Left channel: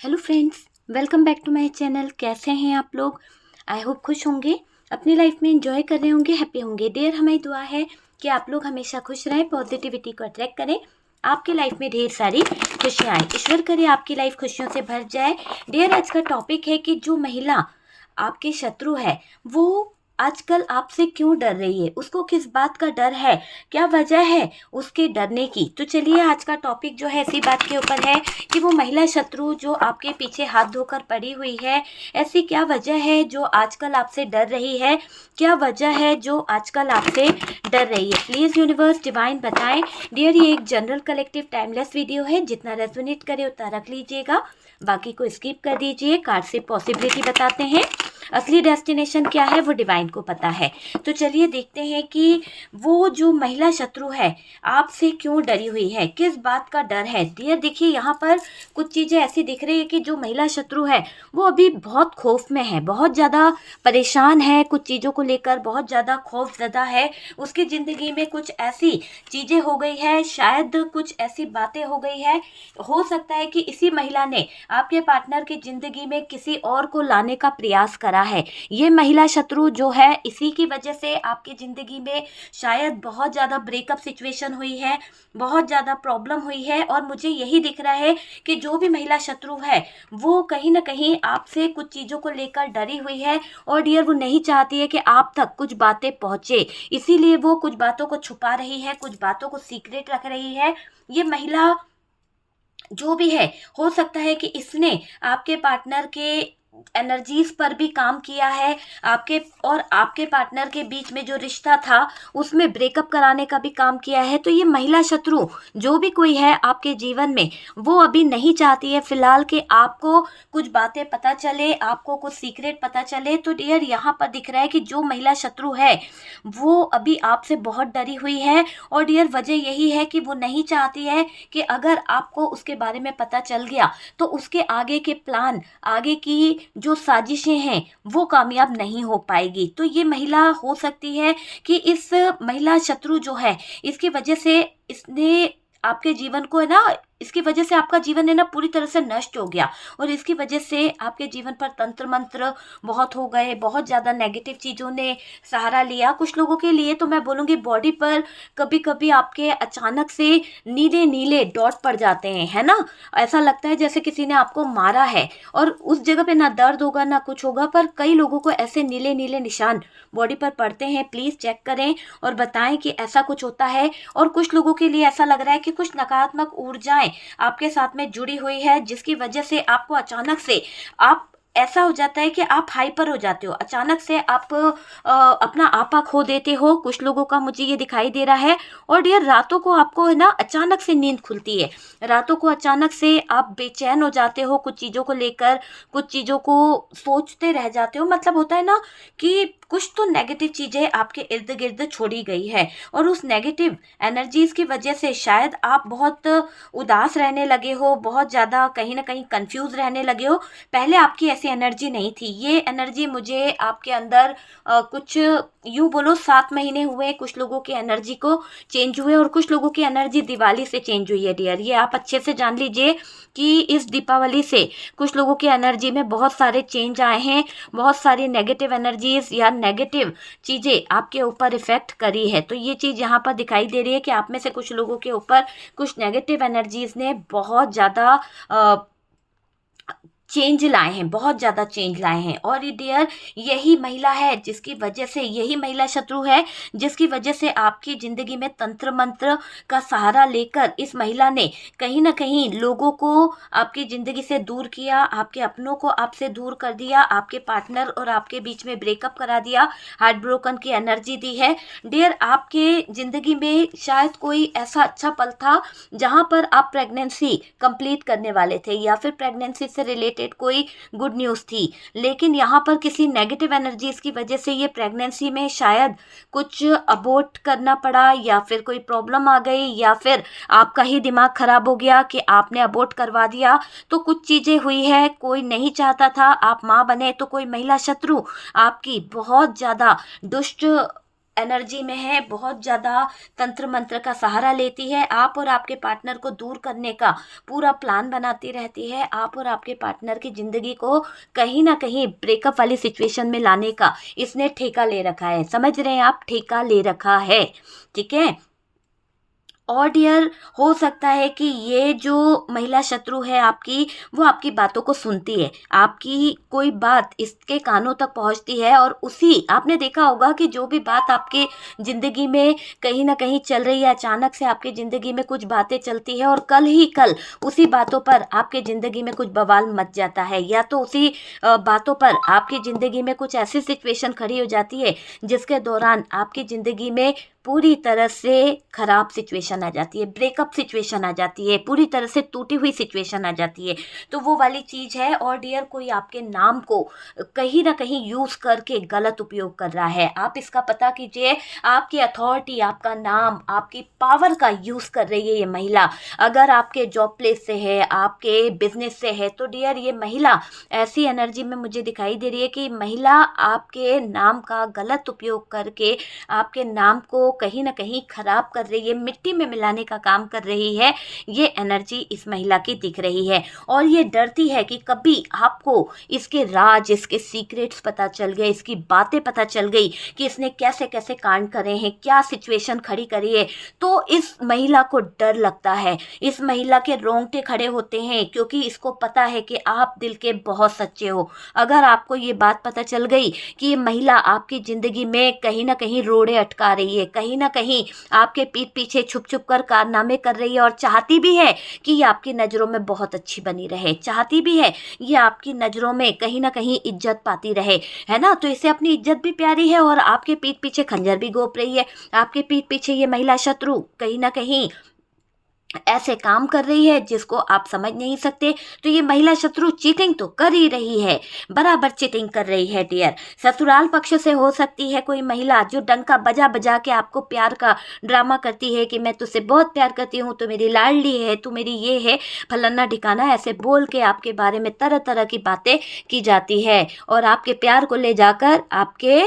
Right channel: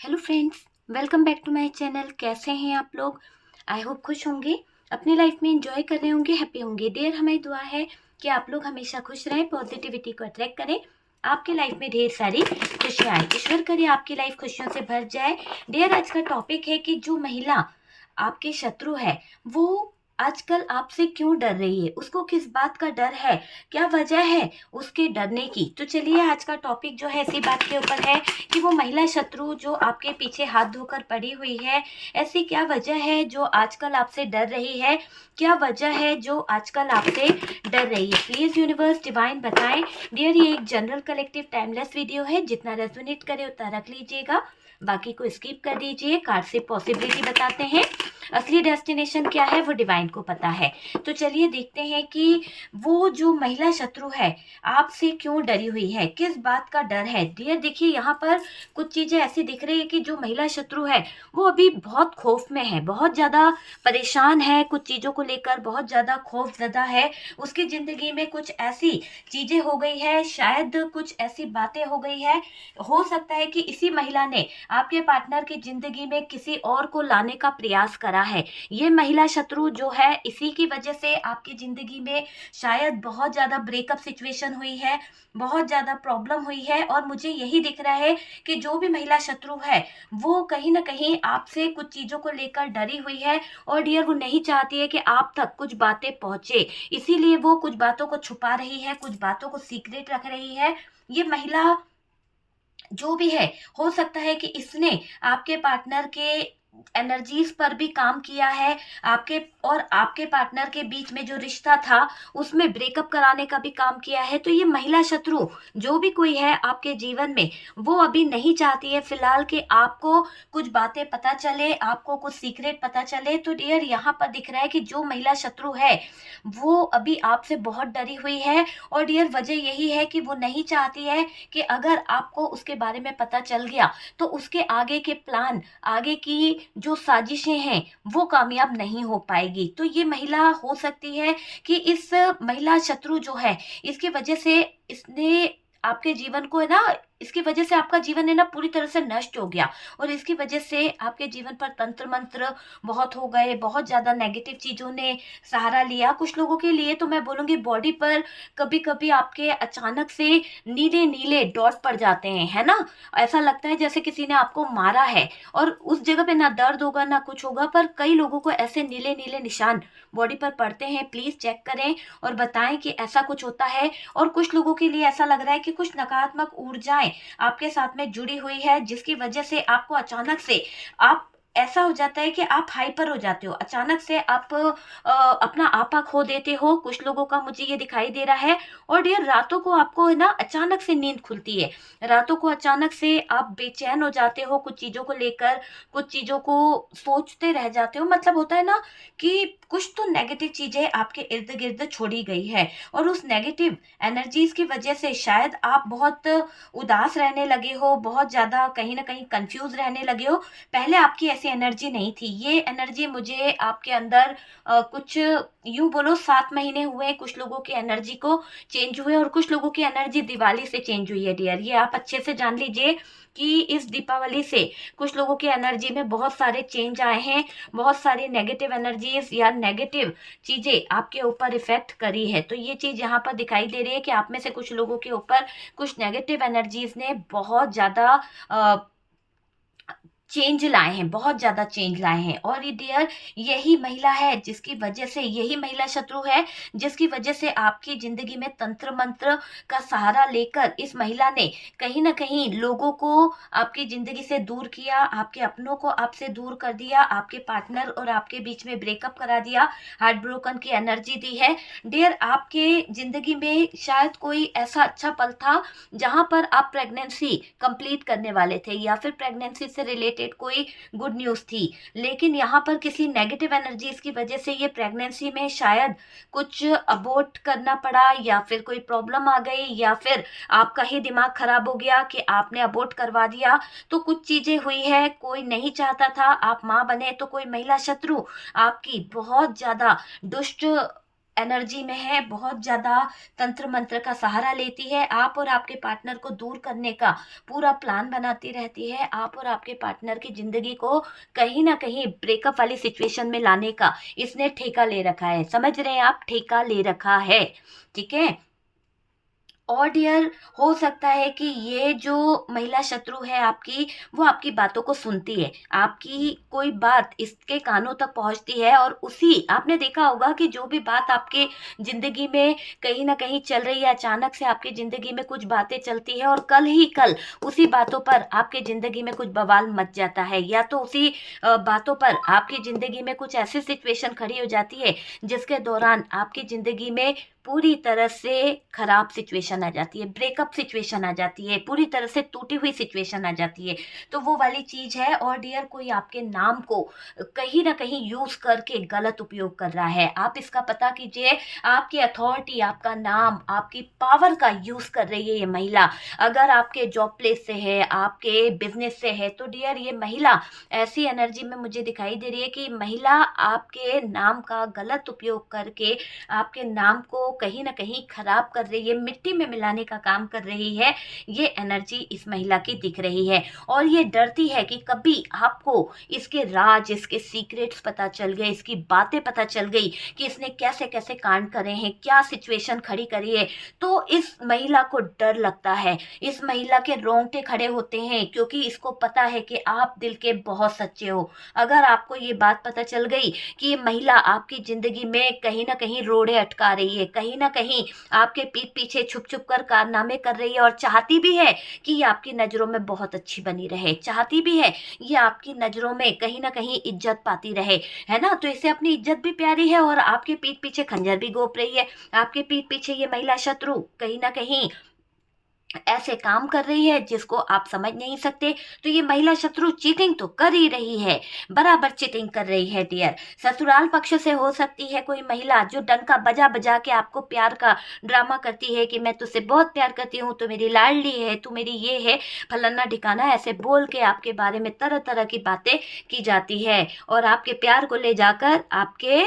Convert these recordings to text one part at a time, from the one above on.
Hello friends, welcome back to my channel. कैसे हैं आप लोग? आई होप खुश होंगे, अपनी लाइफ में एंजॉय कर रहे होंगे, हैप्पी होंगे। डियर, हमारी दुआ है कि आप लोग हमेशा खुश रहें, पॉजिटिविटी को अट्रैक्ट करें, आपके लाइफ में ढेर सारी खुशियाँ आए। ईश्वर करे आपकी लाइफ खुशियों से भर जाए। डियर, आज का टॉपिक है कि जो महिला आपके शत्रु है वो आजकल आपसे क्यों डर रही है, उसको किस बात का डर है, क्या वजह है उसके डरने की। तो चलिए, आज का टॉपिक जो है इसी बात के ऊपर है कि वो महिला शत्रु जो आपके पीछे हाथ धोकर पड़ी हुई है, ऐसी क्या वजह है जो आजकल आपसे डर रही है, क्या वजह है जो आजकल आपसे डर रही है। प्लीज़ यूनिवर्स डिवाइन बताएं। डियर, ये एक जनरल कलेक्टिव टाइमलेस वीडियो है, जितना रेजोनेट करे उतना रख लीजिएगा, बाकी को स्किप कर दीजिए। कार्ड से पॉसिबिलिटी बताते हैं, असली डेस्टिनेशन क्या है वो डिवाइन को पता है। तो चलिए देखते हैं कि वो जो महिला शत्रु है आपसे क्यों डरी हुई है, किस बात का डर है। डियर देखिए, यहाँ पर कुछ चीज़ें ऐसी दिख रही है कि जो महिला शत्रु है वो अभी बहुत खौफ में है, बहुत ज़्यादा परेशान है, कुछ चीज़ों को लेकर बहुत ज़्यादा खौफजदा है। उसकी ज़िंदगी में कुछ ऐसी चीज़ें हो गई है, शायद कुछ ऐसी बातें हो गई है। हो सकता है कि इसी महिला ने आपके पार्टनर की ज़िंदगी में किसी और को लाने का प्रयास करा है। ये महिला शत्रु जो है, इसी की वजह से आपकी ज़िंदगी में शायद बहुत ज़्यादा ब्रेकअप सिचुएशन हुई है, बहुत ज़्यादा प्रॉब्लम हुई है। और मुझे यही दिख रहा है कि जो भी महिला शत्रु है वो कहीं ना कहीं आपसे कुछ चीज़ों को लेकर डरी हुई है। और डियर, वो नहीं चाहती है कि आप तक कुछ बातें पहुँचे, इसीलिए वो कुछ बातों को छुपा रही है, कुछ बातों को सीक्रेट रख रही है। ये महिला जो भी है, हो सकता है कि इसने आपके पार्टनर के एनर्जीज पर भी काम किया है, आपके और आपके पार्टनर के बीच में जो रिश्ता था उसमें ब्रेकअप कराने का भी काम किया है। तो ये महिला शत्रु जो भी कोई है आपके जीवन में, वो अभी नहीं चाहती है फिलहाल कि आपको कुछ बातें पता चले, आपको कुछ सीक्रेट पता चले। तो डियर, यहाँ पर दिख रहा है कि जो महिला शत्रु है वो अभी आपसे बहुत डरी हुई है। और डियर, वजह यही है कि वो नहीं चाहती है कि अगर आपको उसके बारे में पता चल गया तो उसके आगे के प्लान, आगे की जो साजिशें हैं वो कामयाब नहीं हो पाएगी। तो ये महिला हो सकती है कि इस महिला शत्रु जो है, इसकी वजह से इसने आपके जीवन को है ना, इसकी वजह से आपका जीवन है ना पूरी तरह से नष्ट हो गया। और इसकी वजह से आपके जीवन पर तंत्र मंत्र बहुत हो गए, बहुत ज़्यादा नेगेटिव चीज़ों ने सहारा लिया। कुछ लोगों के लिए तो मैं बोलूँगी बॉडी पर कभी कभी आपके अचानक से नीले नीले डॉट पड़ जाते हैं, है ना। ऐसा लगता है जैसे किसी ने आपको मारा है, और उस जगह पे ना दर्द होगा ना कुछ होगा, पर कई लोगों को ऐसे नीले नीले निशान बॉडी पर पड़ते हैं। प्लीज़ चेक करें और बताएं कि ऐसा कुछ होता है। और कुछ लोगों के लिए ऐसा लग रहा है कि कुछ नकारात्मक ऊर्जाएं आपके साथ में जुड़ी हुई है, जिसकी वजह से आपको अचानक से आप ऐसा हो जाता है कि आप हाइपर हो जाते हो, अचानक से आप अपना आपा खो देते हो। कुछ लोगों का मुझे ये दिखाई दे रहा है। और डियर, रातों को आपको है ना अचानक से नींद खुलती है, रातों को अचानक से आप बेचैन हो जाते हो कुछ चीज़ों को लेकर, कुछ चीज़ों को सोचते रह जाते हो। मतलब होता है ना कि कुछ तो नेगेटिव चीज़ें आपके इर्द गिर्द छोड़ी गई है, और उस नेगेटिव एनर्जीज की वजह से शायद आप बहुत उदास रहने लगे हो, बहुत ज़्यादा कहीं ना कहीं कंफ्यूज रहने लगे हो। पहले आपकी ऐसी एनर्जी नहीं थी। ये एनर्जी मुझे आपके अंदर कुछ यूं बोलो 7 महीने हुए कुछ लोगों की एनर्जी को चेंज हुए, और कुछ लोगों की एनर्जी दिवाली से चेंज हुई है। डियर, ये आप अच्छे से जान लीजिए कि इस दीपावली से कुछ लोगों की एनर्जी में बहुत सारे चेंज आए हैं, बहुत सारी नेगेटिव एनर्जीज या नेगेटिव चीज़ें आपके ऊपर इफेक्ट करी है। तो ये चीज़ यहाँ पर दिखाई दे रही है कि आप में से कुछ लोगों के ऊपर कुछ नेगेटिव एनर्जीज ने बहुत ज़्यादा चेंज लाए हैं, बहुत ज़्यादा चेंज लाए हैं। और ये डियर, यही महिला है जिसकी वजह से, यही महिला शत्रु है जिसकी वजह से आपकी ज़िंदगी में तंत्र मंत्र का सहारा लेकर इस महिला ने कहीं ना कहीं लोगों को आपकी ज़िंदगी से दूर किया, आपके अपनों को आपसे दूर कर दिया, आपके पार्टनर और आपके बीच में ब्रेकअप करा दिया, हार्ट ब्रोकन की एनर्जी दी है। डियर, आपके ज़िंदगी में शायद कोई ऐसा अच्छा पल था जहाँ पर आप प्रेगनेंसी कंप्लीट करने वाले थे, या फिर प्रेगनेंसी से रिलेटेड कोई गुड न्यूज़ थी। लेकिन यहाँ पर किसी नेगेटिव एनर्जीज की वजह से ये प्रेगनेंसी में शायद कुछ अबॉर्ट करना पड़ा, या फिर कोई प्रॉब्लम आ गई, या फिर आपका ही दिमाग खराब हो गया कि आपने अबॉर्ट करवा दिया। तो कुछ चीज़ें हुई है, कोई नहीं चाहता था आप माँ बने। तो कोई महिला शत्रु आपकी बहुत ज़्यादा दुष्ट एनर्जी में है, बहुत ज़्यादा तंत्र मंत्र का सहारा लेती है, आप और आपके पार्टनर को दूर करने का पूरा प्लान बनाती रहती है, आप और आपके पार्टनर की ज़िंदगी को कहीं ना कहीं ब्रेकअप वाली सिचुएशन में लाने का इसने ठेका ले रखा है। समझ रहे हैं आप, ठेका ले रखा है, ठीक है। और डियर, हो सकता है कि ये जो महिला शत्रु है आपकी, वो आपकी बातों को सुनती है, आपकी कोई बात इसके कानों तक पहुंचती है, और उसी आपने देखा होगा कि जो भी बात आपके ज़िंदगी में कहीं ना कहीं चल रही है, अचानक से आपकी ज़िंदगी में कुछ बातें चलती है और कल ही कल उसी बातों पर आपके ज़िंदगी में कुछ बवाल मच जाता है, या तो उसी बातों पर आपकी ज़िंदगी में कुछ ऐसी सिचुएशन खड़ी हो जाती है जिसके दौरान आपकी ज़िंदगी में पूरी तरह से खराब सिचुएशन आ जाती है, ब्रेकअप सिचुएशन आ जाती है, पूरी तरह से टूटी हुई सिचुएशन आ जाती है। तो वो वाली चीज़ है। और डियर, कोई आपके नाम को कहीं ना कहीं यूज़ करके गलत उपयोग कर रहा है, आप इसका पता कीजिए। आपकी अथॉरिटी, आपका नाम, आपकी पावर का यूज़ कर रही है ये महिला। अगर आपके जॉब प्लेस से है, आपके बिजनेस से है, तो डियर ये महिला ऐसी एनर्जी में मुझे दिखाई दे रही है कि महिला आपके नाम का गलत उपयोग करके आपके नाम को कहीं ना कहीं खराब कर रही है, मिट्टी में मिलाने का काम कर रही है। ये एनर्जी इस महिला की दिख रही है, और ये डरती है कि कभी आपको इसके राज, इसके सीक्रेट्स पता चल गए, इसकी बातें पता चल गई कि इसने कैसे कैसे कांड करे हैं, क्या सिचुएशन खड़ी करी है, तो इस महिला को डर लगता है, इस महिला के रोंगटे खड़े होते हैं, क्योंकि इसको पता है कि आप दिल के बहुत सच्चे हो। अगर आपको ये बात पता चल गई कि ये महिला आपकी जिंदगी में कहीं ना कहीं रोड़े अटका रही है, कहीं ना कहीं आपके पीठ पीछे छुप छुप कर कारनामे कर रही है, और चाहती भी है कि ये आपकी नज़रों में बहुत अच्छी बनी रहे, चाहती भी है ये आपकी नज़रों में कहीं ना कहीं इज्जत पाती रहे, है ना। तो इसे अपनी इज्जत भी प्यारी है, और आपके पीठ पीछे खंजर भी घोंप रही है। आपके पीठ पीछे ये महिला शत्रु कहीं ना कहीं ऐसे काम कर रही है जिसको आप समझ नहीं सकते। तो ये महिला शत्रु चीटिंग तो कर ही रही है, बराबर चीटिंग कर रही है डियर। ससुराल पक्ष से हो सकती है कोई महिला जो डंका बजा बजा के आपको प्यार का ड्रामा करती है कि मैं तुझसे बहुत प्यार करती हूँ, तो मेरी लाडली है, तू मेरी ये है, फलाना ठिकाना, ऐसे बोल के आपके बारे में तरह तरह की बातें की जाती है, और आपके प्यार को ले जाकर आपके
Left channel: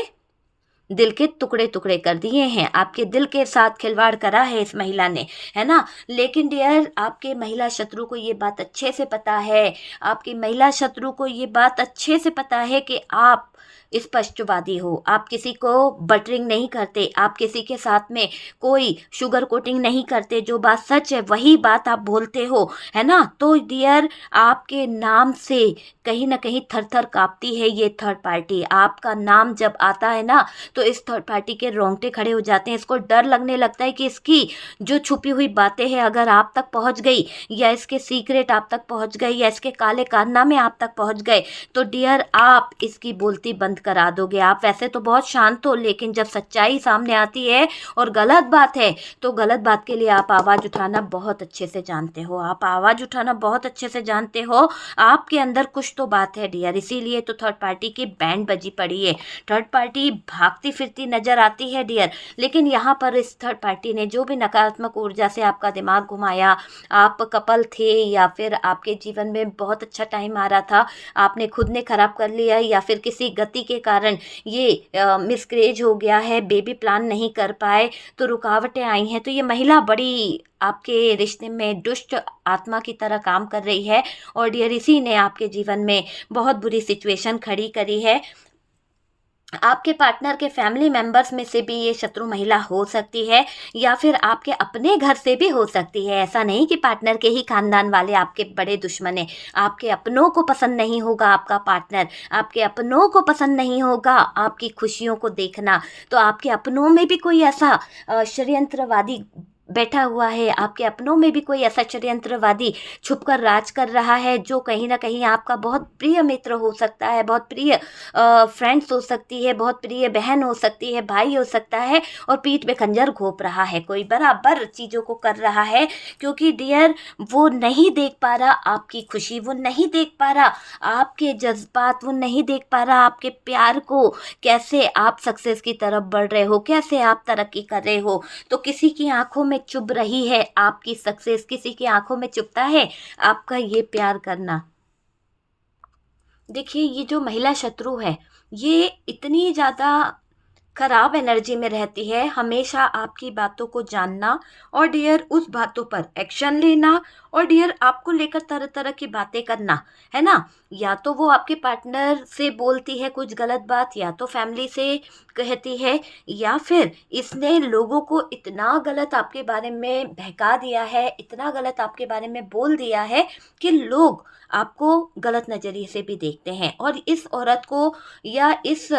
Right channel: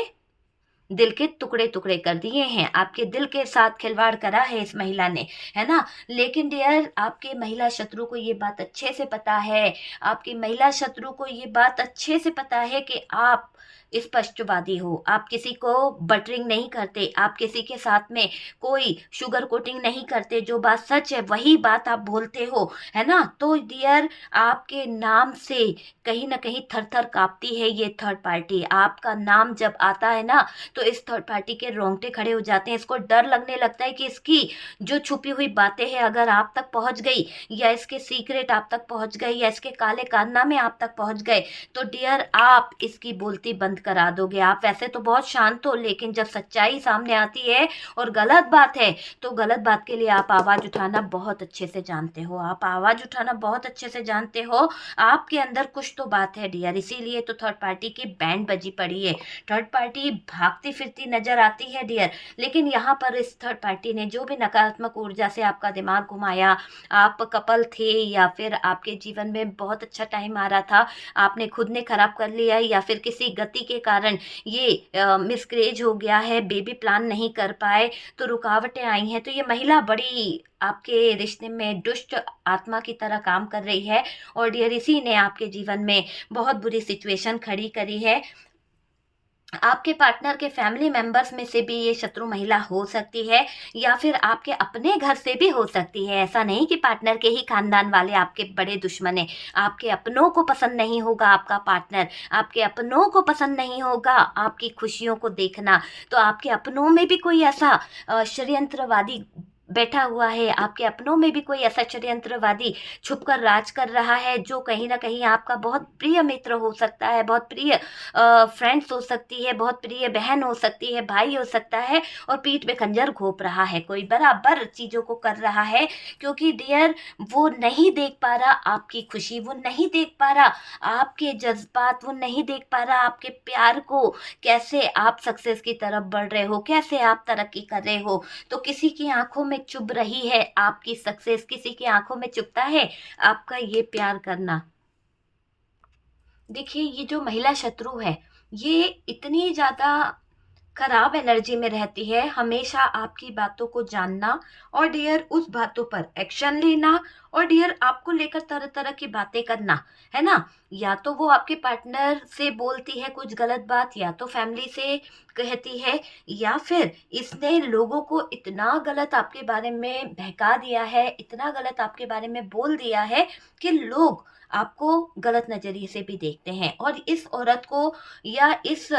दिल के टुकड़े टुकड़े कर दिए हैं, आपके दिल के साथ खिलवाड़ करा है इस महिला ने, है ना। लेकिन डियर, आपके महिला शत्रु को ये बात अच्छे से पता है, आपकी महिला शत्रु को ये बात अच्छे से पता है कि आप स्पष्टवादी हो, आप किसी को बटरिंग नहीं करते, आप किसी के साथ में कोई शुगर कोटिंग नहीं करते, जो बात सच है वही बात आप बोलते हो, है ना। तो डियर, आपके नाम से कहीं ना कहीं थर थर कांपती है ये थर्ड पार्टी। आपका नाम जब आता है ना, तो इस थर्ड पार्टी के रोंगटे खड़े हो जाते हैं, इसको डर लगने लगता है कि इसकी जो छुपी हुई बातें हैं अगर आप तक पहुंच गई, या इसके सीक्रेट आप तक पहुंच गए, या इसके काले कारनामे आप तक पहुंच गए, तो डियर आप इसकी बोलती बंद करा दोगे। आप वैसे तो बहुत शांत हो, लेकिन जब सच्चाई सामने आती है और गलत बात है, तो गलत बात के लिए आप आवाज़ उठाना बहुत अच्छे से जानते हो, आप आवाज़ उठाना बहुत अच्छे से जानते हो। आपके अंदर कुछ तो बात है डियर, इसीलिए तो थर्ड पार्टी की बैंड बजी पड़ी है। थर्ड पार्टी भागती फिरती नजर आती है डियर, लेकिन यहाँ पर इस थर्ड पार्टी ने जो भी नकारात्मक ऊर्जा से आपका दिमाग घुमाया, आप कपल थे या फिर आपके जीवन में बहुत अच्छा टाइम आ रहा था, आपने खुद ने खराब कर लिया, या फिर किसी गति के कारण ये मिसकैरेज हो गया है, बेबी प्लान नहीं कर पाए, तो रुकावटें आई हैं, तो ये महिला बड़ी आपके रिश्ते में दुष्ट आत्मा की तरह काम कर रही है, और डियर इसी ने आपके जीवन में बहुत बुरी सिचुएशन खड़ी करी है। आपके पार्टनर के फैमिली मेंबर्स में से भी ये शत्रु महिला हो सकती है, या फिर आपके अपने घर से भी हो सकती है। ऐसा नहीं कि पार्टनर के ही खानदान वाले आपके बड़े दुश्मन हैं। आपके अपनों को पसंद नहीं होगा आपका पार्टनर, आपके अपनों को पसंद नहीं होगा आपकी खुशियों को देखना, तो आपके अपनों में भी कोई ऐसा षड्यंत्रवादी बैठा हुआ है, आपके अपनों में भी कोई ऐसा षड्यंत्रवादी छुपकर राज कर रहा है, जो कहीं ना कहीं आपका बहुत प्रिय मित्र हो सकता है, बहुत प्रिय फ्रेंड्स हो सकती है, बहुत प्रिय बहन हो सकती है, भाई हो सकता है, और पीठ पे खंजर घोंप रहा है, कोई बराबर चीज़ों को कर रहा है। क्योंकि डियर, वो नहीं देख पा रहा आपकी खुशी, वो नहीं देख पा रहा आपके जज्बात, वो नहीं देख पा रहा आपके प्यार को, कैसे आप सक्सेस की तरफ बढ़ रहे हो, कैसे आप तरक्की कर रहे हो। तो किसी की आंखों में चुभ रही है आपकी सक्सेस, किसी की आंखों में चुभता है आपका ये प्यार करना। देखिए, ये जो महिला शत्रु है, ये इतनी ज़्यादा खराब एनर्जी में रहती है, हमेशा आपकी बातों को जानना और डियर उस बातों पर एक्शन लेना और डियर आपको लेकर तरह तरह की बातें करना, है ना। या तो वो आपके पार्टनर से बोलती है कुछ गलत बात, या तो फैमिली से कहती है, या फिर इसने लोगों को इतना गलत आपके बारे में बहका दिया है, इतना गलत आपके बारे में बोल दिया है कि लोग आपको गलत नज़रिए से भी देखते हैं। और इस औरत को या इस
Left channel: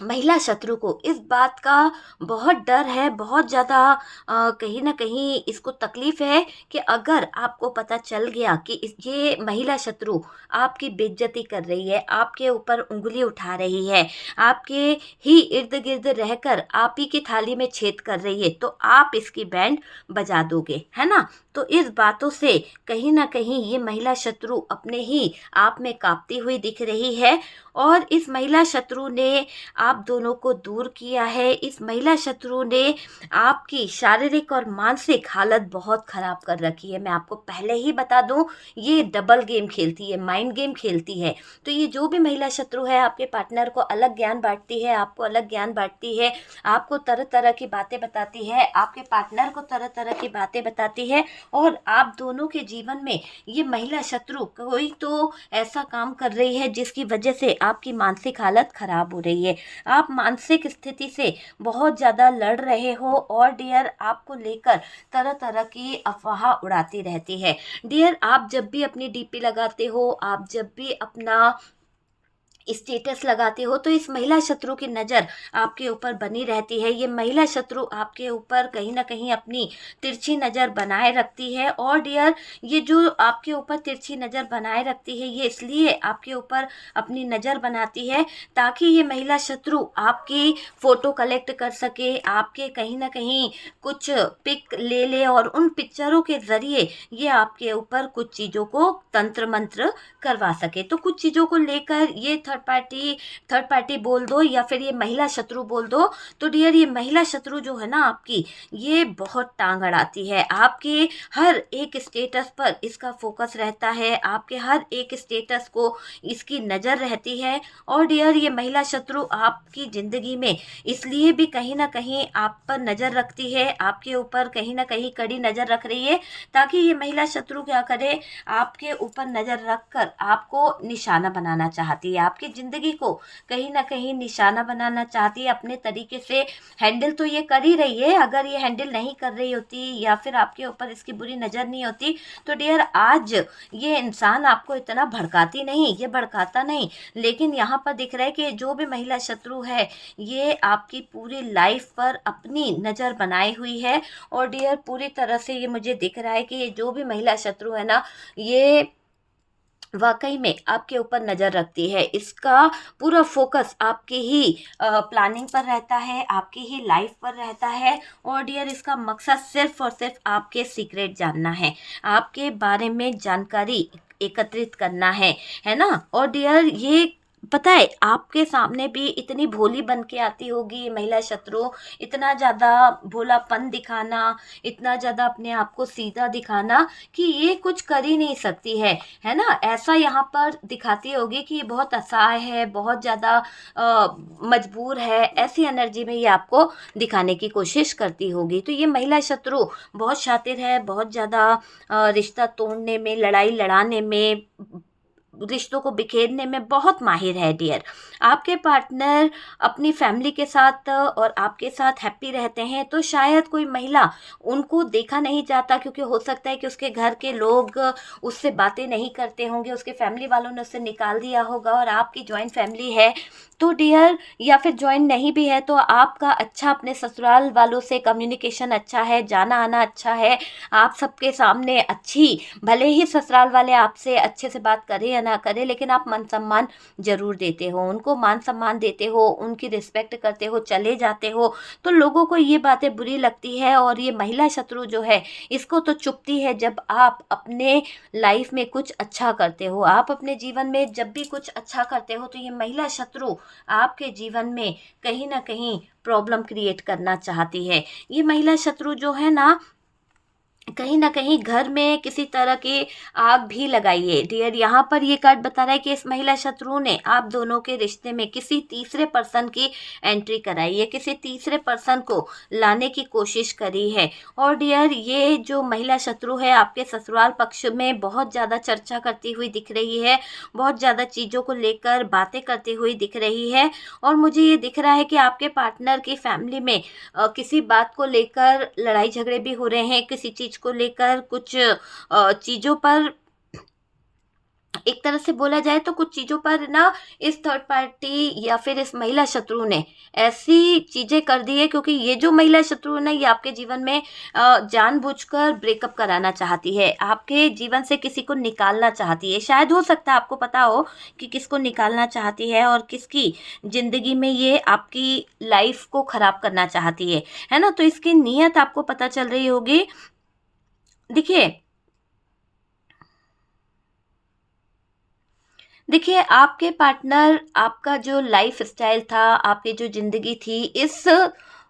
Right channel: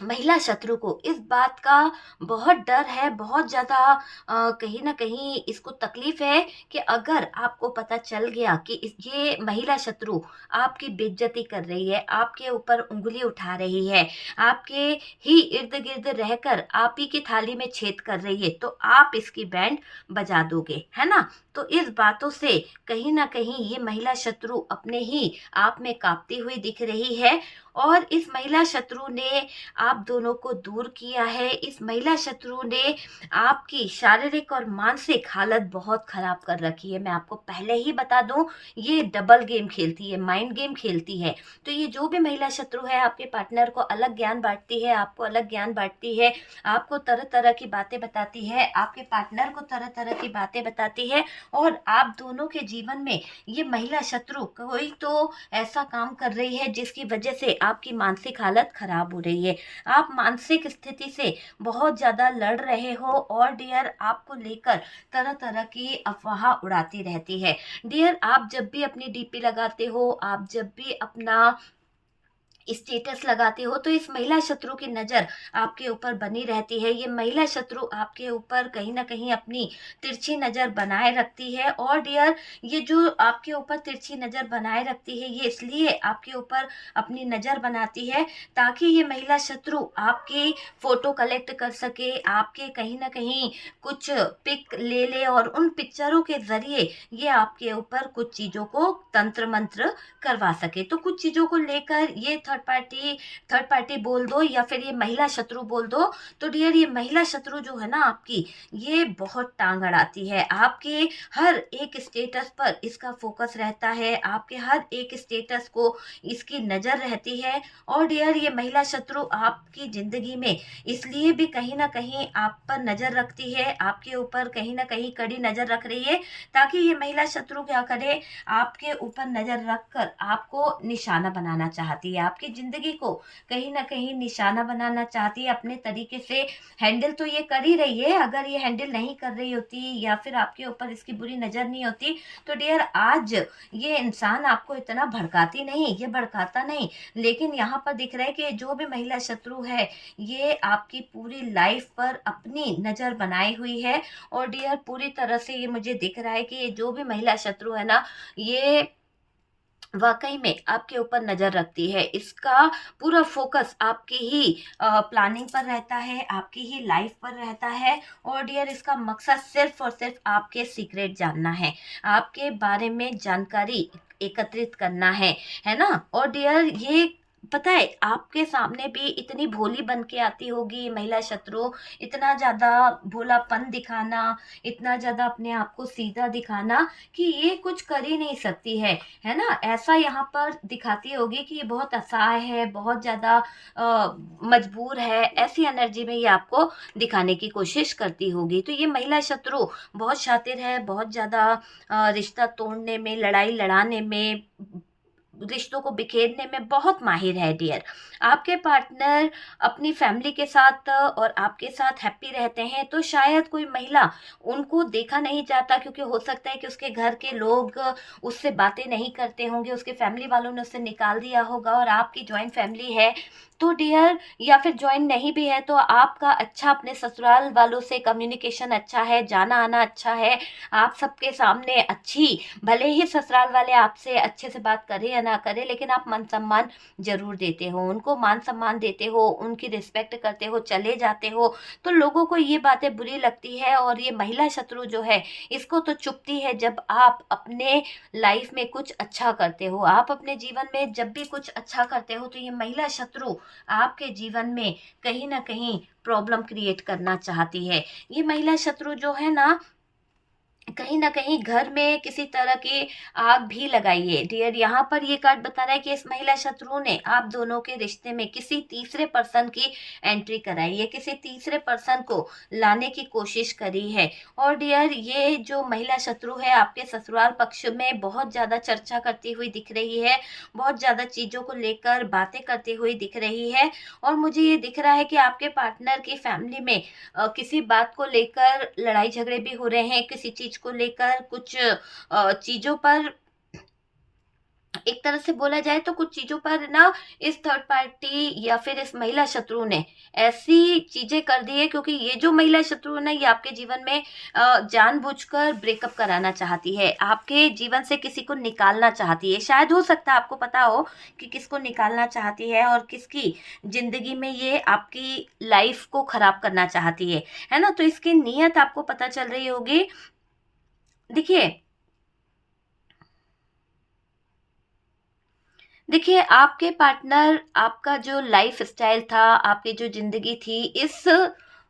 महिला शत्रु को इस बात का बहुत डर है, बहुत ज़्यादा कहीं न कहीं इसको तकलीफ़ है कि अगर आपको पता चल गया कि ये महिला शत्रु आपकी बेइज्जती कर रही है, आपके ऊपर उँगली उठा रही है, आपके ही इर्द-गिर्द रहकर आप ही की थाली में छेद कर रही है, तो आप इसकी बैंड बजा दोगे, है ना? तो इस बातों से कहीं न कहीं ये महिला शत्रु अपने ही आप में काँपती हुई दिख रही है और इस महिला शत्रु ने आप दोनों को दूर किया है। इस महिला शत्रु ने आपकी शारीरिक और मानसिक हालत बहुत ख़राब कर रखी है। मैं आपको पहले ही बता दूँ, ये डबल गेम खेलती है, माइंड गेम खेलती है। तो ये जो भी महिला शत्रु है, आपके पार्टनर को अलग ज्ञान बाँटती है, आपको अलग ज्ञान बाँटती है, आपको तरह-तरह की बातें बताती है, आपके पार्टनर को तरह-तरह की बातें बताती है और आप दोनों के जीवन में ये महिला शत्रु कोई तो ऐसा काम कर रही है जिसकी वजह से आपकी मानसिक हालत ख़राब हो रही है। आप मानसिक स्थिति से बहुत ज़्यादा लड़ रहे हो और डियर आपको लेकर तरह-तरह की अफ़वाह उड़ाती रहती है। डियर आप जब भी अपनी डीपी लगाते हो, आप जब भी अपना स्टेटस लगाते हो तो इस महिला शत्रु की नज़र आपके ऊपर बनी रहती है। ये महिला शत्रु आपके ऊपर कहीं न कहीं अपनी तिरछी नज़र बनाए रखती है और डियर ये जो आपके ऊपर तिरछी नज़र बनाए रखती है, ये इसलिए आपके ऊपर अपनी नज़र बनाती है ताकि ये महिला शत्रु आपकी फ़ोटो कलेक्ट कर सके, आपके कहीं न कहीं कुछ पिक ले ले और उन पिक्चरों के ज़रिए ये आपके ऊपर कुछ चीज़ों को तंत्र-मंत्र करवा सके। तो कुछ चीज़ों को लेकर ये थर्ड पार्टी बोल दो या फिर ये महिला शत्रु बोल दो, तो डियर ये महिला शत्रु जो है ना आपकी, ये बहुत टांग अड़ाती है। आपके हर एक स्टेटस पर इसका फ़ोकस रहता है, आपके हर एक स्टेटस को इसकी नज़र रहती है और डियर ये महिला शत्रु आपकी ज़िंदगी में इसलिए भी कहीं न कहीं आप पर नज़र रखती है, आपके ऊपर कहीं न कहीं कड़ी नज़र रख रही है, ताकि ये महिला शत्रु क्या करे, आपके ऊपर नज़र रख कर आपको निशाना बनाना चाहती है, आपकी ज़िंदगी को कहीं न कहीं निशाना बनाना चाहती है। अपने तरीके से हैंडल तो ये कर ही रही है, अगर ये हैंडल नहीं कर रही होती या फिर आपके ऊपर इसकी बुरी नज़र नहीं होती, तो डियर आज ये इंसान आपको इतना भड़काती नहीं, ये भड़काता नहीं। लेकिन यहाँ पर दिख रहा है कि जो भी महिला शत्रु है, ये आपकी पूरी लाइफ़ पर अपनी नज़र बनाई हुई है और डियर पूरी तरह से ये मुझे दिख रहा है कि ये जो भी महिला शत्रु है ना, ये वाक़ई में आपके ऊपर नज़र रखती है। इसका पूरा फ़ोकस आपकी ही प्लानिंग पर रहता है, आपकी ही लाइफ़ पर रहता है और डियर इसका मकसद सिर्फ़ और सिर्फ़ आपके सीक्रेट जानना है, आपके बारे में जानकारी एकत्रित करना है ना? और डियर ये पता है आपके सामने भी इतनी भोली बन के आती होगी ये महिला शत्रु, इतना ज़्यादा भोलापन दिखाना, इतना ज़्यादा अपने आप को सीधा दिखाना कि ये कुछ कर ही नहीं सकती है ना? ऐसा यहाँ पर दिखाती होगी कि ये बहुत असहाय है, बहुत ज़्यादा मजबूर है, ऐसी एनर्जी में ये आपको दिखाने की कोशिश करती होगी। तो ये महिला शत्रु बहुत शातिर है, बहुत ज़्यादा रिश्ता तोड़ने में, लड़ाई लड़ाने में, रिश्तों को बिखेरने में बहुत माहिर है डियर। आपके पार्टनर अपनी फैमिली के साथ और आपके साथ हैप्पी रहते हैं, तो शायद कोई महिला उनको देखा नहीं जाता क्योंकि हो सकता है कि उसके घर के लोग उससे बातें नहीं करते होंगे, उसके फैमिली वालों ने उसे निकाल दिया होगा और आपकी जॉइंट फैमिली है, तो डियर या फिर जॉइंट नहीं भी है तो आपका अच्छा अपने ससुराल वालों से कम्युनिकेशन अच्छा है, जाना-आना अच्छा है, आप सबके सामने अच्छी, भले ही ससुराल वाले आपसे अच्छे से बात करें या ना करें, लेकिन आप मान-सम्मान ज़रूर देते हो, उनको मान-सम्मान देते हो, उनकी रिस्पेक्ट करते हो, चले जाते हो, तो लोगों को ये बातें बुरी लगती है और ये महिला शत्रु जो है, इसको तो चुभती है जब आप अपने लाइफ में कुछ अच्छा करते हो, आप अपने जीवन में जब भी कुछ अच्छा करते हो, तो ये महिला शत्रु आपके जीवन में कहीं न कहीं प्रॉब्लम क्रिएट करना चाहती है। ये महिला शत्रु जो है ना, कहीं न कहीं घर में किसी तरह की आग भी लगाइए। डियर, यहाँ पर ये कार्ड बता रहा है कि इस महिला शत्रु ने आप दोनों के रिश्ते में किसी तीसरे पर्सन की एंट्री कराई है, किसी तीसरे पर्सन को लाने की कोशिश करी है। और डियर, ये जो महिला शत्रु है आपके ससुराल पक्ष में बहुत ज़्यादा चर्चा करती हुई दिख रही है, बहुत ज़्यादा चीज़ों को लेकर बातें करती हुई दिख रही है। और मुझे ये दिख रहा है कि आपके पार्टनर की फैमिली में किसी बात को लेकर लड़ाई झगड़े भी हो रहे हैं, किसी चीज़ को लेकर कुछ चीज़ों पर, एक तरह से बोला जाए तो कुछ चीज़ों पर ना इस थर्ड पार्टी या फिर इस महिला शत्रु ने ऐसी चीज़ें कर दी है, क्योंकि ये जो महिला शत्रु है ना, ये आपके जीवन में जानबूझकर ब्रेकअप कराना चाहती है, आपके जीवन से किसी को निकालना चाहती है। शायद हो सकता है आपको पता हो कि किसको निकालना चाहती है और किसकी ज़िंदगी में ये आपकी लाइफ को ख़राब करना चाहती है ना? तो इसकी नीयत आपको पता चल रही होगी। देखिए, देखिए, आपके पार्टनर, आपका जो लाइफ़स्टाइल था, आपकी जो ज़िंदगी थी, इस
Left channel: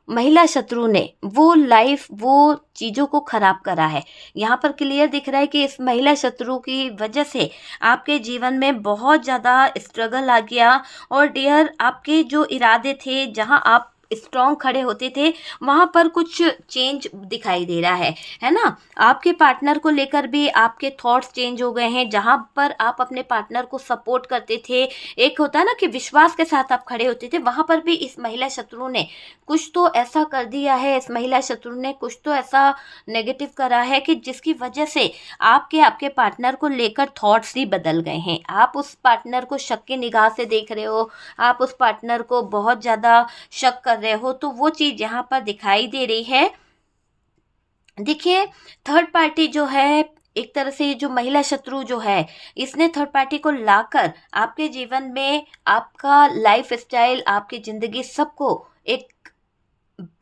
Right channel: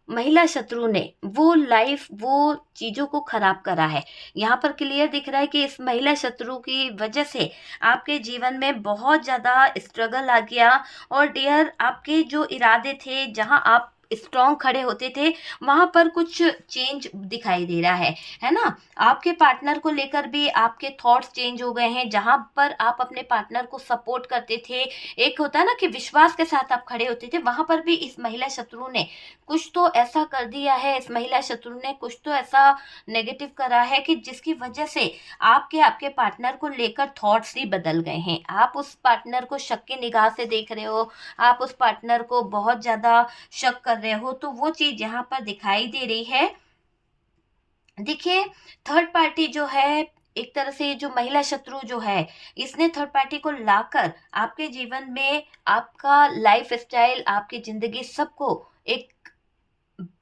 महिला शत्रु ने वो लाइफ़, वो चीज़ों को ख़राब करा है। यहाँ पर क्लियर दिख रहा है कि इस महिला शत्रु की वजह से आपके जीवन में बहुत ज़्यादा स्ट्रगल आ गया। और डियर, आपके जो इरादे थे, जहाँ आप स्ट्रॉन्ग खड़े होते थे, वहाँ पर कुछ चेंज दिखाई दे रहा है ना? आपके पार्टनर को लेकर भी आपके थॉट्स चेंज हो गए हैं। जहाँ पर आप अपने पार्टनर को सपोर्ट करते थे, एक होता है ना कि विश्वास के साथ आप खड़े होते थे, वहाँ पर भी इस महिला शत्रु ने कुछ तो ऐसा कर दिया है, इस महिला शत्रु ने कुछ तो ऐसा नेगेटिव करा है कि जिसकी वजह से आपके पार्टनर को लेकर थॉट्स ही बदल गए हैं। आप उस पार्टनर को शक की निगाह से देख रहे हो, आप उस पार्टनर को बहुत ज़्यादा शक कर रहे हो, तो वो चीज़ यहाँ पर दिखाई दे रही है। देखिए, थर्ड पार्टी जो है, एक तरह से ये जो महिला शत्रु जो है, इसने थर्ड पार्टी को लाकर आपके जीवन में आपका लाइफ़स्टाइल, आपकी ज़िंदगी सबको एक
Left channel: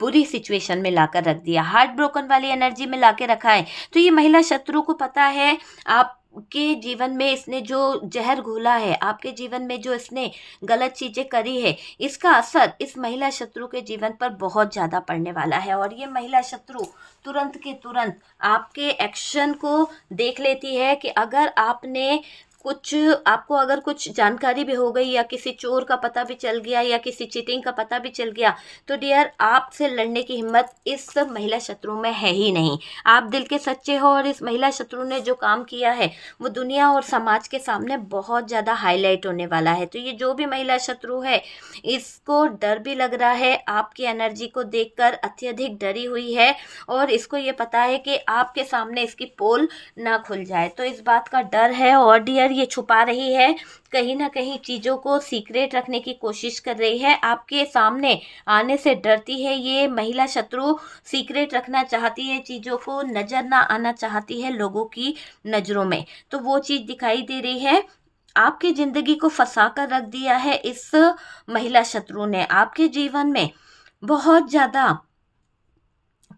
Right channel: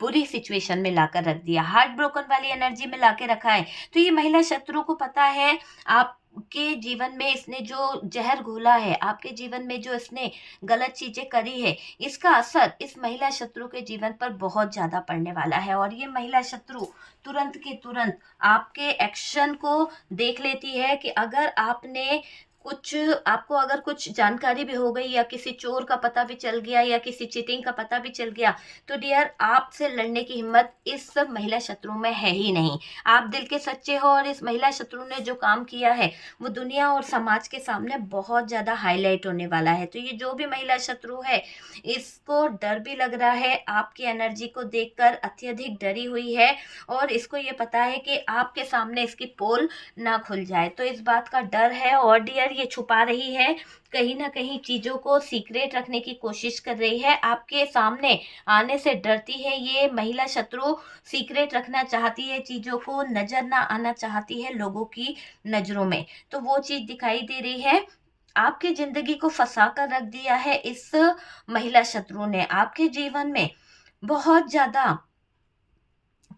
बुरी सिचुएशन में लाकर रख दिया, हार्ट ब्रोकन वाली एनर्जी में लाके रखा है। तो ये महिला शत्रु को पता है आपके जीवन में इसने जो ज़हर घोला है, आपके जीवन में जो इसने गलत चीज़ें करी है, इसका असर इस महिला शत्रु के जीवन पर बहुत ज़्यादा पड़ने वाला है। और ये महिला शत्रु तुरंत के तुरंत आपके एक्शन को देख लेती है कि अगर आपने कुछ, आपको अगर कुछ जानकारी भी हो गई, या किसी चोर का पता भी चल गया, या किसी चीटिंग का पता भी चल गया, तो डियर, आपसे लड़ने की हिम्मत इस महिला शत्रु में है ही नहीं। आप दिल के सच्चे हो, और इस महिला शत्रु ने जो काम किया है वो दुनिया और समाज के सामने बहुत ज़्यादा हाईलाइट होने वाला है। तो ये जो भी महिला शत्रु है, इसको डर भी लग रहा है, आपकी एनर्जी को देखकर अत्यधिक डरी हुई है, और इसको ये पता है कि आपके सामने इसकी पोल ना खुल जाए, तो इस बात का डर है। और डियर, ये छुपा रही है, कहीं ना कहीं चीज़ों को सीक्रेट रखने की कोशिश कर रही है, आपके सामने आने से डरती है ये महिला शत्रु, सीक्रेट रखना चाहती है, चीज़ों को नज़र ना आना चाहती है लोगों की नज़रों में। तो वो चीज़ दिखाई दे रही है। आपकी ज़िंदगी को फंसा कर रख दिया है इस महिला शत्रु ने, आपके जीवन में बहुत ज़्यादा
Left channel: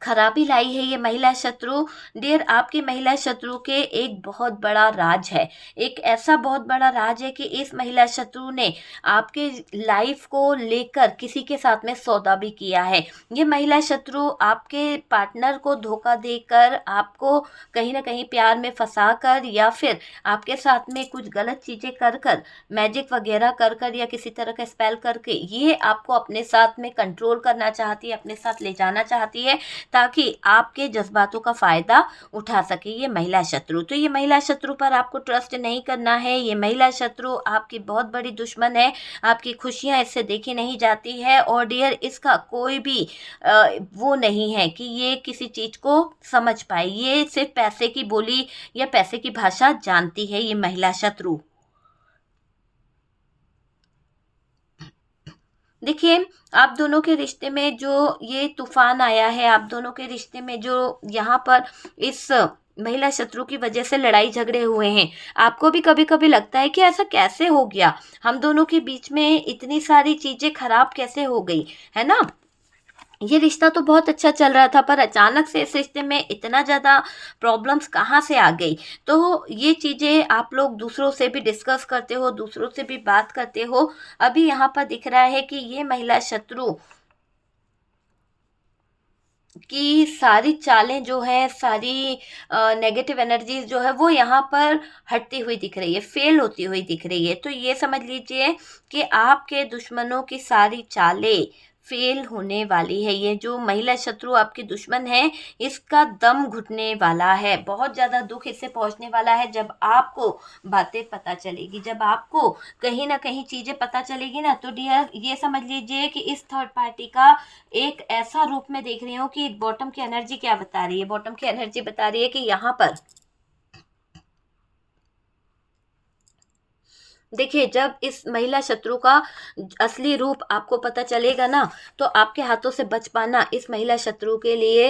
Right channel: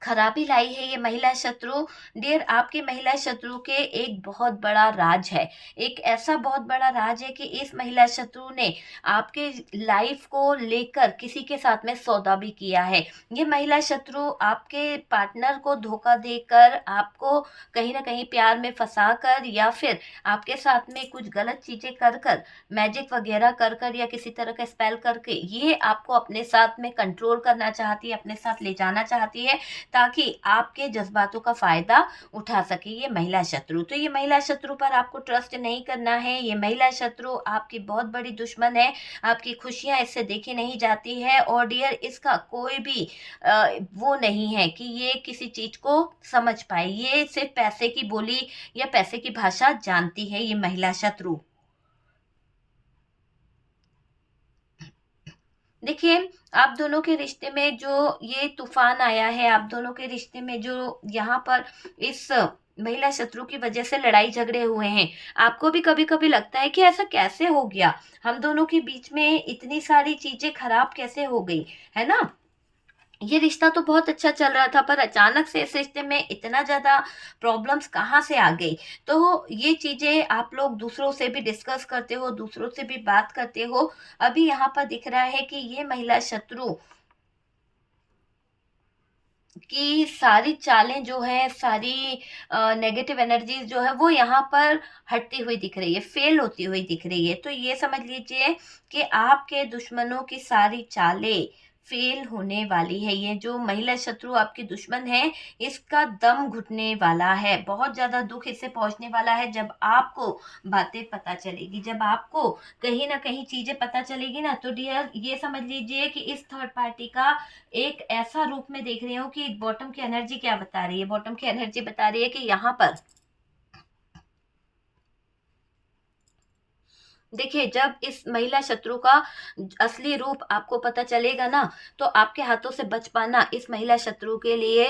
खराबी लाई है ये महिला शत्रु। डियर, आपकी महिला शत्रु के एक बहुत बड़ा राज है, एक ऐसा बहुत बड़ा राज है कि इस महिला शत्रु ने आपके लाइफ को लेकर किसी के साथ में सौदा भी किया है। ये महिला शत्रु आपके पार्टनर को धोखा देकर, आपको कहीं ना कहीं प्यार में फंसा कर, या फिर आपके साथ में कुछ गलत चीज़ें कर कर, मैजिक वगैरह कर कर, या किसी तरह का स्पेल करके ये आपको अपने साथ में कंट्रोल करना चाहती है, अपने साथ ले जाना चाहती है, ताकि आपके जज़्बातों का फ़ायदा उठा सके ये महिला शत्रु। तो ये महिला शत्रु पर आपको ट्रस्ट नहीं करना है। ये महिला शत्रु आपकी बहुत बड़ी दुश्मन है, आपकी खुशियाँ इससे देखी नहीं जाती है। और डियर, इसका कोई भी वो नहीं है कि ये किसी चीज़ को समझ पाए, ये सिर्फ़ पैसे की बोली या पैसे की भाषा जानती है ये महिला शत्रु। देखिए, आप दोनों के रिश्ते में जो ये तूफ़ान आया है, आप दोनों के रिश्ते में जो यहाँ पर इस महिला शत्रु की वजह से लड़ाई झगड़े हुए हैं, आपको भी कभी-कभी लगता है कि ऐसा कैसे हो गया? हम दोनों के बीच में इतनी सारी चीज़ें खराब कैसे हो गई, है ना? ये रिश्ता तो बहुत अच्छा चल रहा था, पर अचानक से इस रिश्ते में इतना ज़्यादा प्रॉब्लम्स कहाँ से आ गई? तो ये चीज़ें आप लोग दूसरों से भी डिस्कस करते हो, दूसरों से भी बात करते हो। अभी यहाँ पर दिख रहा है कि ये महिला शत्रु कि सारी चालें जो है, सारी नेगेटिव एनर्जीज जो है वो यहाँ पर हटती हुई दिख रही है, फेल होती हुई दिख रही है। तो ये समझ लीजिए कि आपके दुश्मनों की सारी चालें फेल होने वाली है। ये जो महिला शत्रु आपकी दुश्मन है, इसका दम घुटने वाला है, बहुत ज़्यादा दुख इससे पहुंचने वाला है। जब आपको बातें पता चलेगी, जब आपको कहीं ना कहीं चीज़ें पता चलेगी ना, तो डियर ये समझ लीजिए कि इस थर्ड पार्टी का एक ऐसा रूप में देख रही हूँ कि बॉटम की एनर्जी क्या बता रही है। बॉटम की एनर्जी बता रही है कि यहाँ पर देखिए, जब इस महिला शत्रु का असली रूप आपको पता चलेगा ना, तो आपके हाथों से बच पाना इस महिला शत्रु के लिए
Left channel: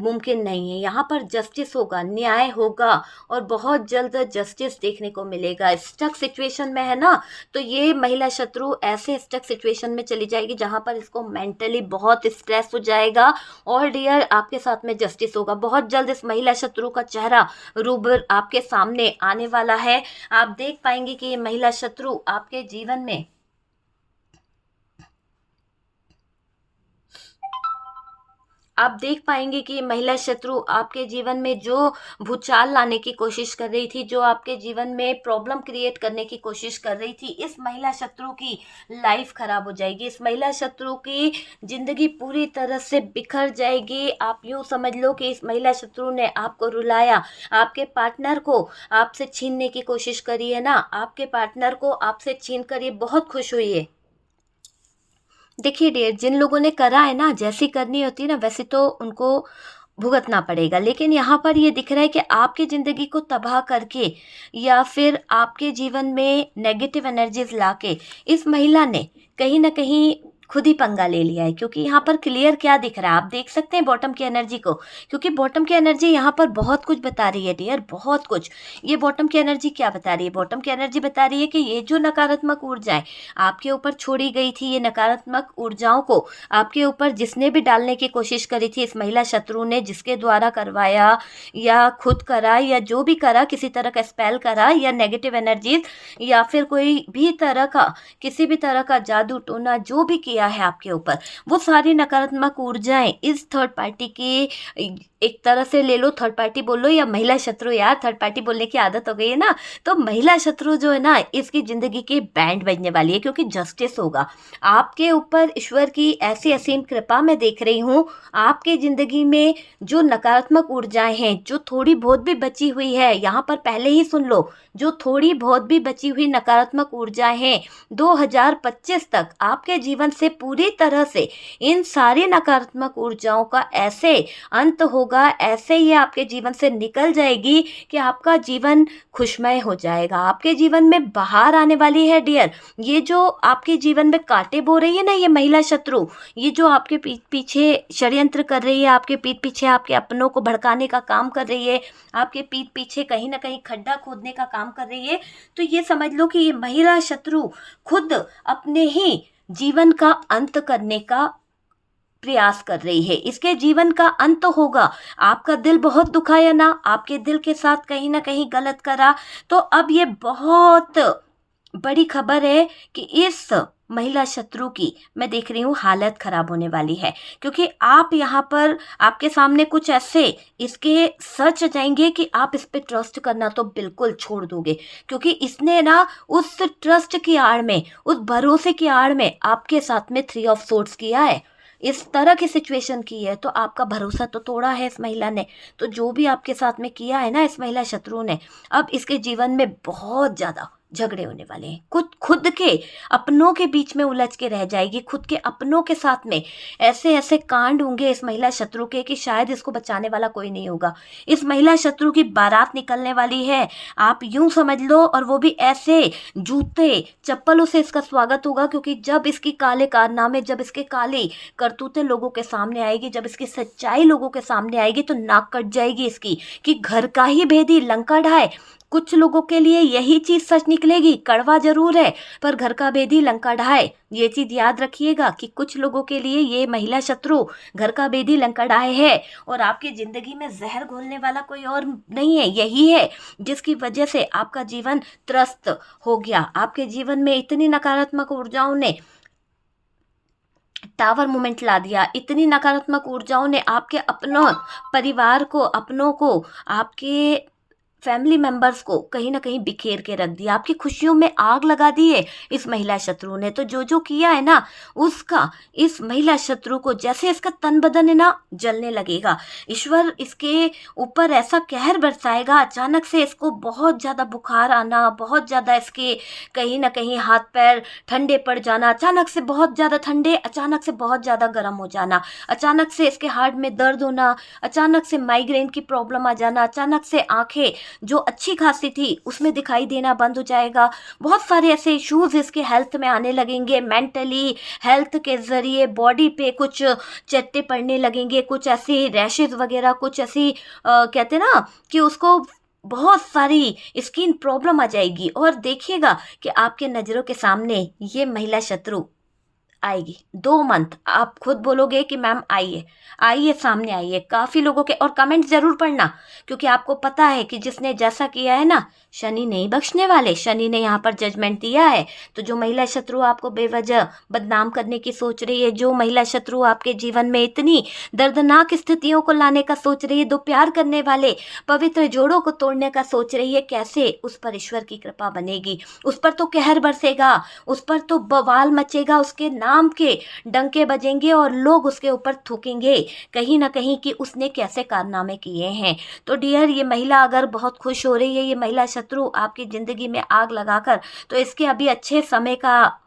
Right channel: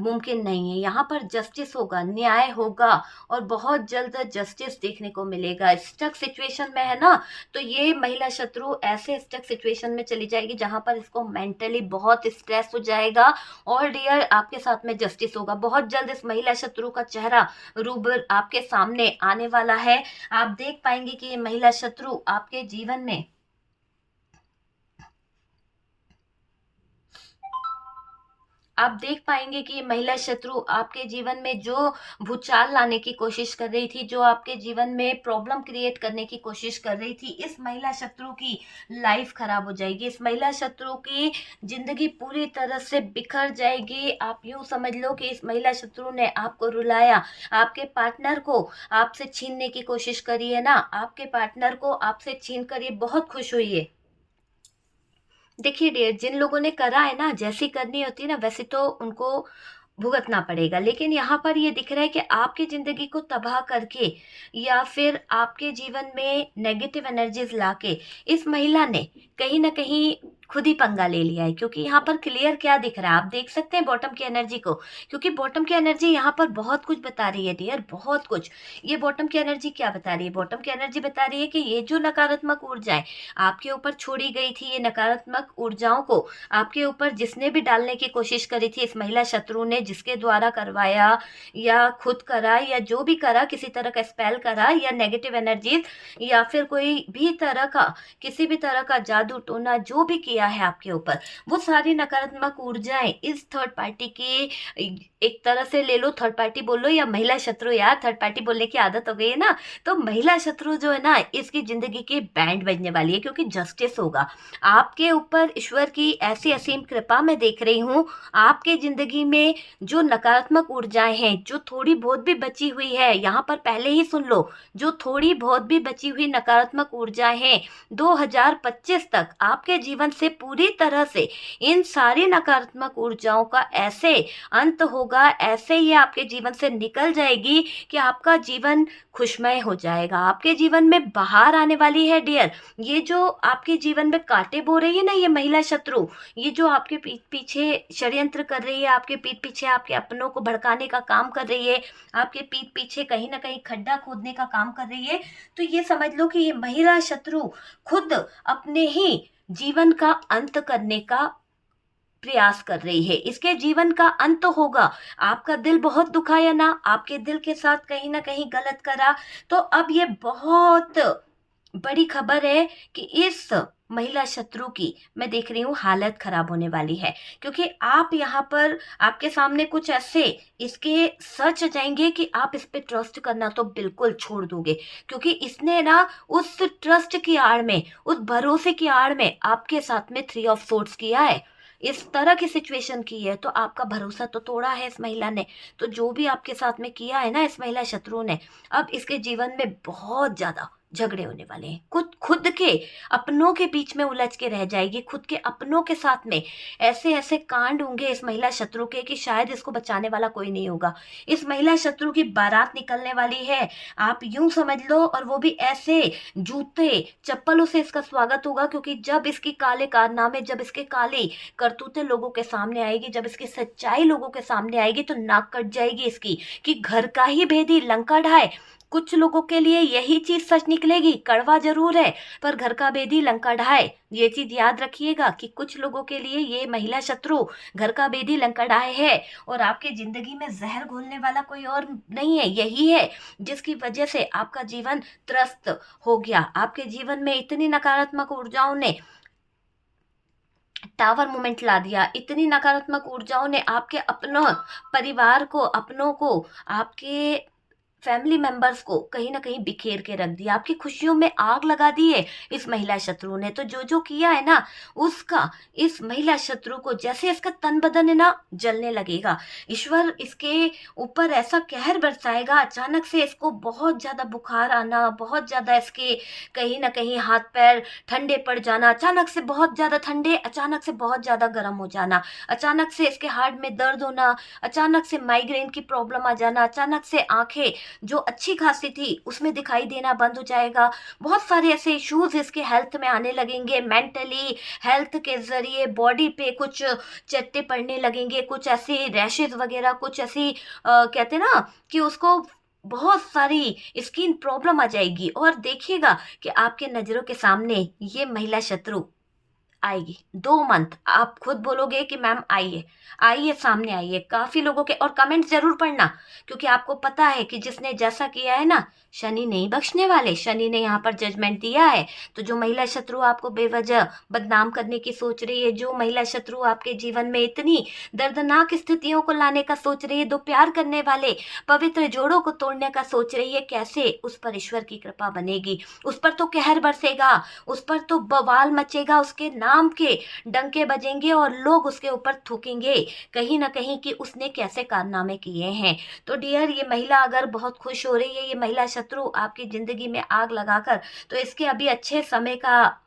मुमकिन नहीं है। यहाँ पर जस्टिस होगा, न्याय होगा, और बहुत जल्द जस्टिस देखने को मिलेगा। स्टक सिचुएशन में है ना, तो ये महिला शत्रु ऐसे स्टक सिचुएशन में चली जाएगी जहाँ पर इसको मेंटली बहुत स्ट्रेस हो जाएगा। और डियर, आपके साथ में जस्टिस होगा बहुत जल्द। इस महिला शत्रु का चेहरा रूबर आपके सामने आने वाला है। आप देख पाएंगे कि ये महिला शत्रु आपके जीवन में आप देख पाएंगे कि ये महिला शत्रु आपके जीवन में जो भूचाल लाने की कोशिश कर रही थी, जो आपके जीवन में प्रॉब्लम क्रिएट करने की कोशिश कर रही थी, इस महिला शत्रु की लाइफ खराब हो जाएगी। इस महिला शत्रु की जिंदगी पूरी तरह से बिखर जाएगी। आप यूं समझ लो कि इस महिला शत्रु ने आपको रुलाया, आपके पार्टनर को आपसे छीनने की कोशिश करी है ना, आपके पार्टनर को आपसे छीन कर ये बहुत खुश हुई है। देखिए डियर, जिन लोगों ने करा है ना, जैसी करनी होती है ना वैसे तो उनको भुगतना पड़ेगा। लेकिन यहाँ पर ये दिख रहा है कि आपकी ज़िंदगी को तबाह करके या फिर आपके जीवन में नेगेटिव एनर्जीज लाके इस महिला ने कहीं ना कहीं खुद ही पंगा ले लिया है। क्योंकि यहाँ पर क्लियर क्या दिख रहा है, आप देख सकते हैं बॉटम की एनर्जी को। क्योंकि बॉटम की एनर्जी यहाँ पर बहुत कुछ बता रही है डियर, बहुत कुछ। ये बॉटम की एनर्जी क्या बता रही है? बॉटम की एनर्जी बता रही है कि ये जो नकारात्मक ऊर्जाएं आपके ऊपर छोड़ी गई थी, ये नकारात्मक ऊर्जाओं को आपके ऊपर जिसने भी डालने की कोशिश करी थी, इस महिला शत्रु ने, जिसके द्वारा करवाया या खुद करा या जो भी करा, किसी तरह का स्पेल करा या नेगेटिव एनर्जीज या फिर कोई भी तरह का, किसी भी तरह का जादू टोना जो भी किया है आपके ऊपर, वो सारी नकारात्मक ऊर्जाएं इस थर्ड पार्टी की, एक तरह से ले लो थर्ड पार्टी बोलो या महिला शत्रु, यार थर्ड पार्टी बोलने की आदत हो गई है ना, तो महिला शत्रु जो है ना, इसकी जिंदगी की बैंड बजने वाली है। क्योंकि जस्टिस होगा आपके ऊपर। ईश्वर की ऐसी असीम कृपा मैं देख रही हूँ आपके जिंदगी में। जो नकारात्मक ऊर्जाएं हैं, जो थोड़ी बहुत भी बची हुई है, यहाँ पर पहले ही सुन लो, जो थोड़ी बहुत भी बची हुई नकारात्मक ऊर्जाएं हैं, 2025 तक आपके जीवन से पूरी तरह से इन सारी नकारात्मक ऊर्जाओं का ऐसे अंत होगा, ऐसे ये आपके जीवन से निकल जाएगी कि आपका जीवन खुशमय हो जाएगा। आपके जीवन में बाहर आने वाली है डियर। ये जो आपके जीवन में कांटे बो रही है ना, ये महिला शत्रु, ये जो आपके पीछे षड्यंत्र कर रही है, आपके पीठ पीछे आपके अपनों को भड़काने का काम कर रही है, आपके पीठ पीछे कहीं ना कहीं खड्डा खोदने का काम कर रही है, तो ये समझ लो कि ये महिला शत्रु खुद अपने ही जीवन का अंत करने का प्रयास कर रही है। इसके जीवन का अंत होगा। आपका दिल बहुत दुखाया ना, आपके दिल के साथ कहीं ना कहीं गलत करा, तो अब ये बहुत बड़ी खबर है कि इस महिला शत्रु की मैं देख रही हूँ हालत खराब होने वाली है। क्योंकि आप यहाँ पर, आपके सामने कुछ ऐसे इसके सच जाएंगे कि आप इस पे ट्रस्ट करना तो बिल्कुल छोड़ दोगे। क्योंकि इसने ना उस ट्रस्ट की आड़ में, उस भरोसे की आड़ में आपके साथ में 3 ऑफ सोर्ड्स किया है, इस तरह की सिचुएशन की है, तो आपका भरोसा तो तोड़ा है इस महिला ने। तो जो भी आपके साथ में किया है ना इस महिला शत्रु ने, अब इसके जीवन में बहुत ज्यादा झगड़े होने वाले हैं। खुद खुद के अपनों के बीच में उलझ के रह जाएगी, खुद के अपनों के साथ में ऐसे ऐसे कांड होंगे इस महिला शत्रु के कि शायद इसको बचाने वाला कोई नहीं होगा। इस महिला शत्रु की बारात निकलने वाली है, आप यूं समझ लो, और वो भी ऐसे जूते चप्पलों से इसका स्वागत होगा। क्योंकि जब इसकी काले कारनामे, जब इसके काली करतूतें लोगों के सामने आएगी, जब इसकी सच्चाई लोगों के सामने आएगी, तो नाक कट जाएगी इसकी कि घर का ही भेदी लंका ढाए। कुछ लोगों के लिए यही चीज सच निकलेगी, कड़वा जरूर है पर घर का भेदी लंका ढाए। ये चीज याद रखिएगा कि कुछ लोगों के लिए ये महिला शत्रु घर का भेदी लंका ढाए है, और आपकी जिंदगी में जहर घोलने वाला कोई और नहीं है, यही है जिसकी वजह से आपका जीवन त्रस्त हो गया। आपके जीवन में इतनी नकारात्मक ऊर्जाओं ने टावर मूवमेंट ला दिया। इतनी नकारात्मक ऊर्जाओं ने आपके अपनों, परिवार को, अपनों को, आपके फैमिली मेंबर्स को कहीं ना कहीं बिखेर के रख दिया। आपकी खुशियों में आग लगा दी है इस महिला शत्रु ने। तो जो जो किया है ना, उसका इस महिला शत्रु को जैसे इसका तन बदन है ना जलने लगेगा। ईश्वर इसके ऊपर ऐसा कहर बरसाएगा, अचानक से इसको बहुत ज्यादा बुखार आना, बहुत ज्यादा इसके कहीं ना कहीं हाथ पैर ठंडे पड़ जाना, अचानक से बहुत ज्यादा ठंडे, अचानक से बहुत ज्यादा गर्म हो जाना, अचानक से इसके हार्ट में दर्द होना, अचानक से माइग्रेन की प्रॉब्लम आ जाना, अचानक से आंखें जो अच्छी खासी थी उसमें दिखाई देना बंद हो जाएगा। बहुत सारे ऐसे इश्यूज इसके हेल्थ में आने लगेंगे। मेंटली हेल्थ के जरिए बॉडी पे कुछ चट्टे पड़ने लगेंगे, कुछ ऐसी रैशेज वगैरह, कुछ ऐसी कहते ना कि उसको बहुत सारी स्किन प्रॉब्लम आ जाएगी। और देखिएगा कि आपके नज़रों के सामने ये महिला शत्रु आएगी। 2 मंथ आप खुद बोलोगे कि मैम आइए, आइए, सामने आइए। काफी लोगों के और कमेंट जरूर पढ़ना, क्योंकि आपको पता है कि जिसने जैसा किया है ना, शनि नहीं बख्शने वाले। शनि ने यहाँ पर जजमेंट दिया है। तो जो महिला शत्रु आपको बेवजह बदनाम करने की सोच रही है, जो महिला शत्रु आपके जीवन में इतनी दर्दनाक स्थितियों को लाने का सोच रही है, दो प्यार करने वाले पवित्र जोड़ों को तोड़ने का सोच रही है, कैसे उस पर ईश्वर की कृपा बनेगी। उस पर तो कहर बरसेगा, उस पर तो बवाल मचेगा, उसके नाम के डंके बजेंगे और लोग उसके ऊपर थूकेंगे कहीं ना कहीं कि उसने कैसे कारनामे किए हैं। तो डियर, ये महिला अगर बहुत खुश हो रही है, ये महिला शत्रु आपकी जिंदगी में आग लगाकर, तो इसके अभी अच्छे समय का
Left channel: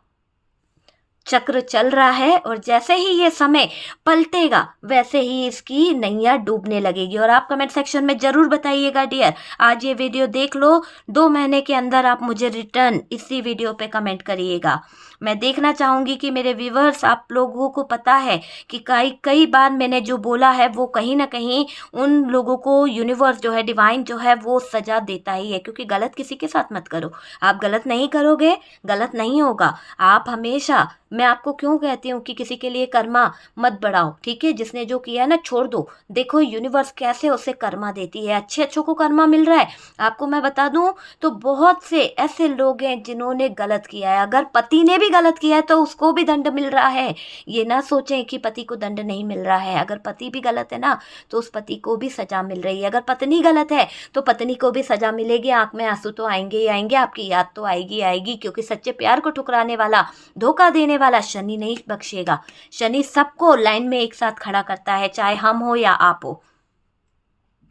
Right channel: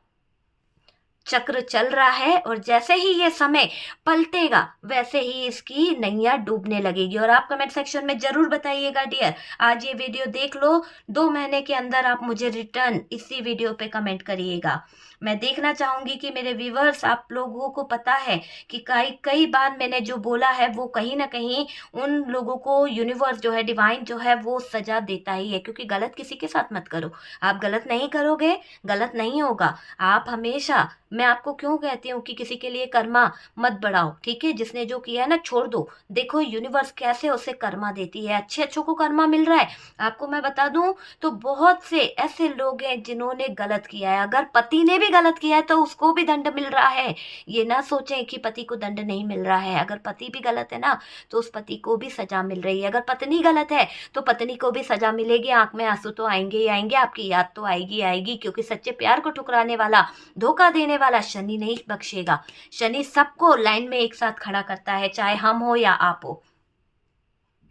चक्र चल रहा है। और जैसे ही ये समय पलटेगा वैसे ही इसकी नैया डूबने लगेगी। और आप कमेंट सेक्शन में जरूर बताइएगा डियर, आज ये वीडियो देख लो, 2 महीने के अंदर आप मुझे रिटर्न इसी वीडियो पे कमेंट करिएगा। मैं देखना चाहूंगी कि मेरे व्यूवर्स, आप लोगों को पता है कि कई कई बार मैंने जो बोला है वो कहीं ना कहीं उन लोगों को यूनिवर्स जो है, डिवाइन जो है, वो सजा देता ही है। क्योंकि गलत किसी के साथ मत करो। आप गलत नहीं करोगे, गलत नहीं होगा। आप हमेशा, मैं आपको क्यों कहती हूँ कि किसी के लिए कर्मा मत बढ़ाओ, ठीक है। जिसने जो किया है ना, छोड़ दो। देखो यूनिवर्स कैसे उसे कर्मा देती है, अच्छे अच्छों को कर्मा मिल रहा है। आपको मैं बता दूं तो बहुत से ऐसे लोग हैं जिन्होंने गलत किया है। अगर पति ने भी गलत किया है तो उसको भी दंड मिल रहा है। ये ना सोचें कि पति को दंड नहीं मिल रहा है। अगर पति भी गलत है ना, तो उस पति को भी सजा मिल रही है। अगर पत्नी गलत है तो पत्नी को भी सजा मिलेगी। आंख में आंसू तो आएंगे ही आएंगे, आपकी याद तो आएगी आएगी। क्योंकि सच्चे प्यार को ठुकराने वाला, धोखा देने वाला शनि नहीं बख्शेगा। शनि सबको लाइन में एक साथ खड़ा करता है, चाहे हम हो या आप हो।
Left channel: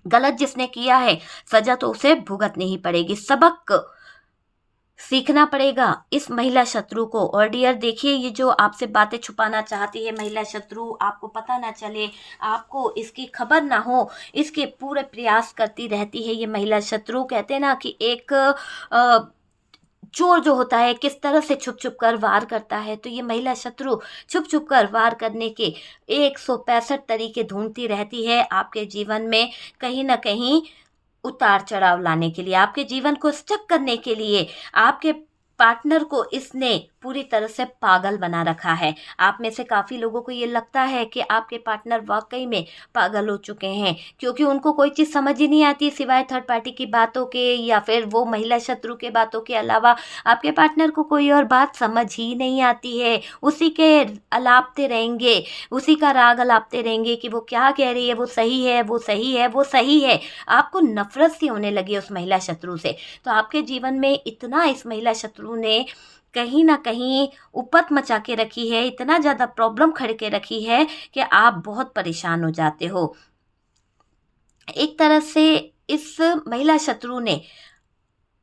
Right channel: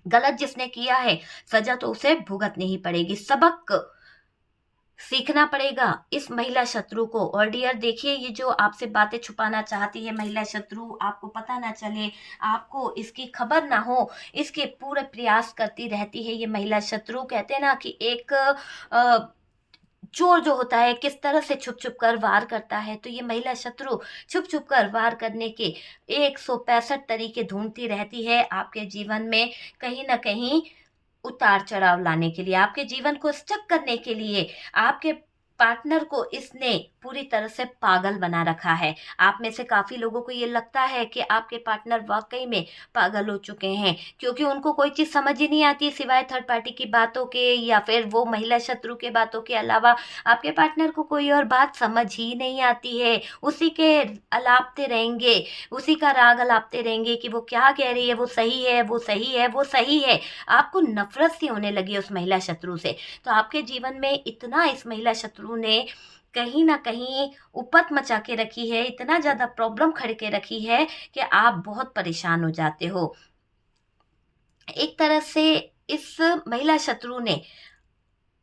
गलत जिसने किया है, सजा तो उसे भुगतनी ही पड़ेगी, सबक सीखना पड़ेगा इस महिला शत्रु को। और डियर देखिए, ये जो आपसे बातें छुपाना चाहती है महिला शत्रु, आपको पता ना चले, आपको इसकी खबर ना हो, इसके पूरे प्रयास करती रहती है ये महिला शत्रु। कहते हैं ना कि एक चोर जो होता है किस तरह से छुप छुप कर वार करता है, तो ये महिला शत्रु छुप छुप कर वार करने के 165 तरीके ढूंढती रहती है आपके जीवन में, कहीं ना कहीं उतार चढ़ाव लाने के लिए, आपके जीवन को स्टक करने के लिए। आपके पार्टनर को इसने पूरी तरह से पागल बना रखा है। आप में से काफ़ी लोगों को ये लगता है कि आपके पार्टनर वाकई में पागल हो चुके हैं, क्योंकि उनको कोई चीज़ समझ ही नहीं आती सिवाय थर्ड पार्टी की बातों के, या फिर वो महिला शत्रु के बातों के अलावा आपके पार्टनर को कोई और बात समझ ही नहीं आती है। उसी के अलापते रहेंगे, उसी का राग अलापते रहेंगे कि वो क्या कह रही है, वो सही है, वो सही है, वो सही है। आपको नफरत सी होने लगी उस महिला शत्रु से। तो आपके जीवन में इतना इस महिला शत्रु ने कहीं ना कहीं उपत मचा के रखी है, इतना ज़्यादा प्रॉब्लम खड़े के रखी है कि आप बहुत परेशान हो जाते हो। एक तरह से इस महिला शत्रु ने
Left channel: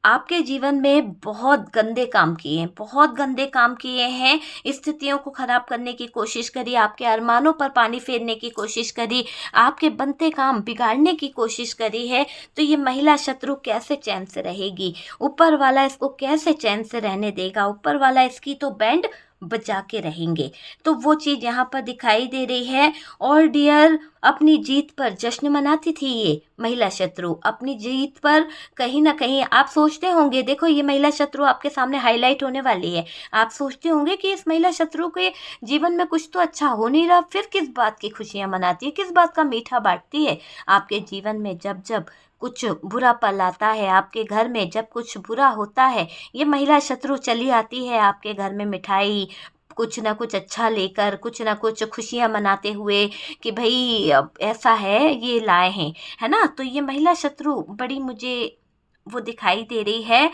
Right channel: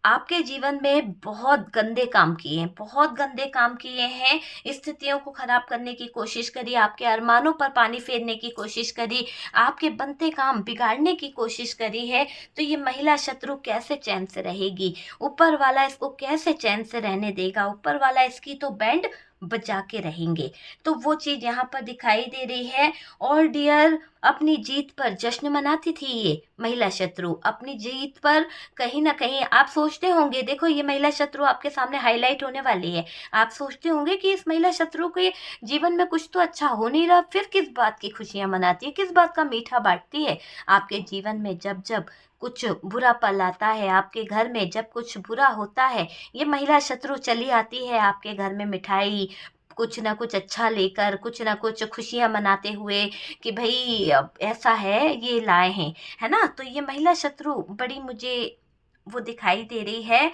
आपके जीवन में बहुत गंदे काम किए हैं, बहुत गंदे काम किए हैं। स्थितियों को खराब करने की कोशिश करी, आपके अरमानों पर पानी फेरने की कोशिश करी, आपके बनते काम बिगाड़ने की कोशिश करी है। तो ये महिला शत्रु कैसे चैन से रहेगी? ऊपर वाला इसको कैसे चैन से रहने देगा? ऊपर वाला इसकी तो बैंड बजा के रहेंगे। तो वो चीज़ यहाँ पर दिखाई दे रही है। और डियर, अपनी जीत पर जश्न मनाती थी ये महिला शत्रु, अपनी जीत पर कहीं ना कहीं आप सोचते होंगे, देखो ये महिला शत्रु आपके सामने हाईलाइट होने वाली है। आप सोचते होंगे कि इस महिला शत्रु के जीवन में कुछ तो अच्छा हो नहीं रहा, फिर किस बात की खुशियां मनाती है, किस बात का मीठा बांटती है। आपके जीवन में जब जब कुछ बुरा पल आता है, आपके घर में जब कुछ बुरा होता है, ये महिला शत्रु चली आती है आपके घर में मिठाई कुछ ना कुछ अच्छा लेकर, कुछ ना कुछ खुशियाँ मनाते हुए कि भाई अब ऐसा है ये लाए हैं, है ना। तो ये महिला शत्रु बड़ी मुझे वो दिखाई दे रही है,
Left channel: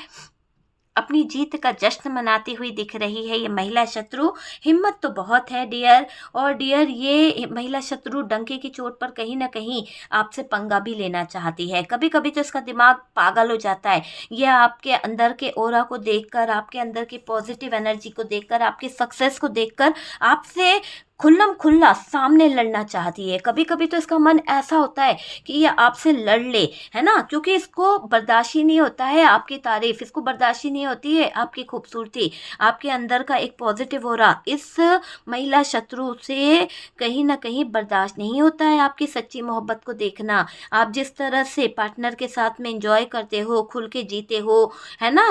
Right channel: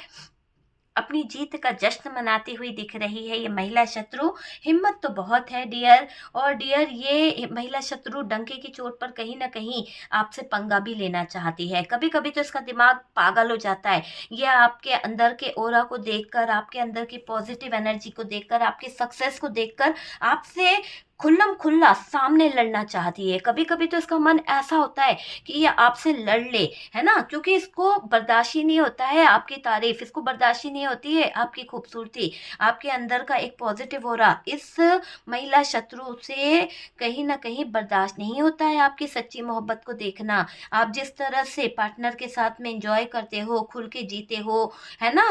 अपनी जीत का जश्न मनाती हुई दिख रही है ये महिला शत्रु। हिम्मत तो बहुत है डियर, और डियर ये महिला शत्रु डंके की चोट पर कहीं ना कहीं आपसे पंगा भी लेना चाहती है। कभी कभी तो इसका दिमाग पागल हो जाता है। यह आपके अंदर के ओरा को देखकर, आपके अंदर की पॉजिटिव एनर्जी को देखकर, आपकी सक्सेस को देखकर आपसे खुल्लम खुल्ला सामने लड़ना चाहती है। कभी कभी तो इसका मन ऐसा होता है कि ये आपसे लड़ ले, है ना, क्योंकि इसको बर्दाश्त ही नहीं होता है आपकी तारीफ, इसको बर्दाश्त ही नहीं होती है आपकी खूबसूरती, आपके अंदर का एक पॉजिटिव ऑरा इस महिला शत्रु से कहीं ना कहीं बर्दाश्त नहीं होता है आपकी सच्ची मोहब्बत को देखना। आप जिस तरह से पार्टनर के साथ में एंजॉय करते हो, खुल के जीते हो, है ना,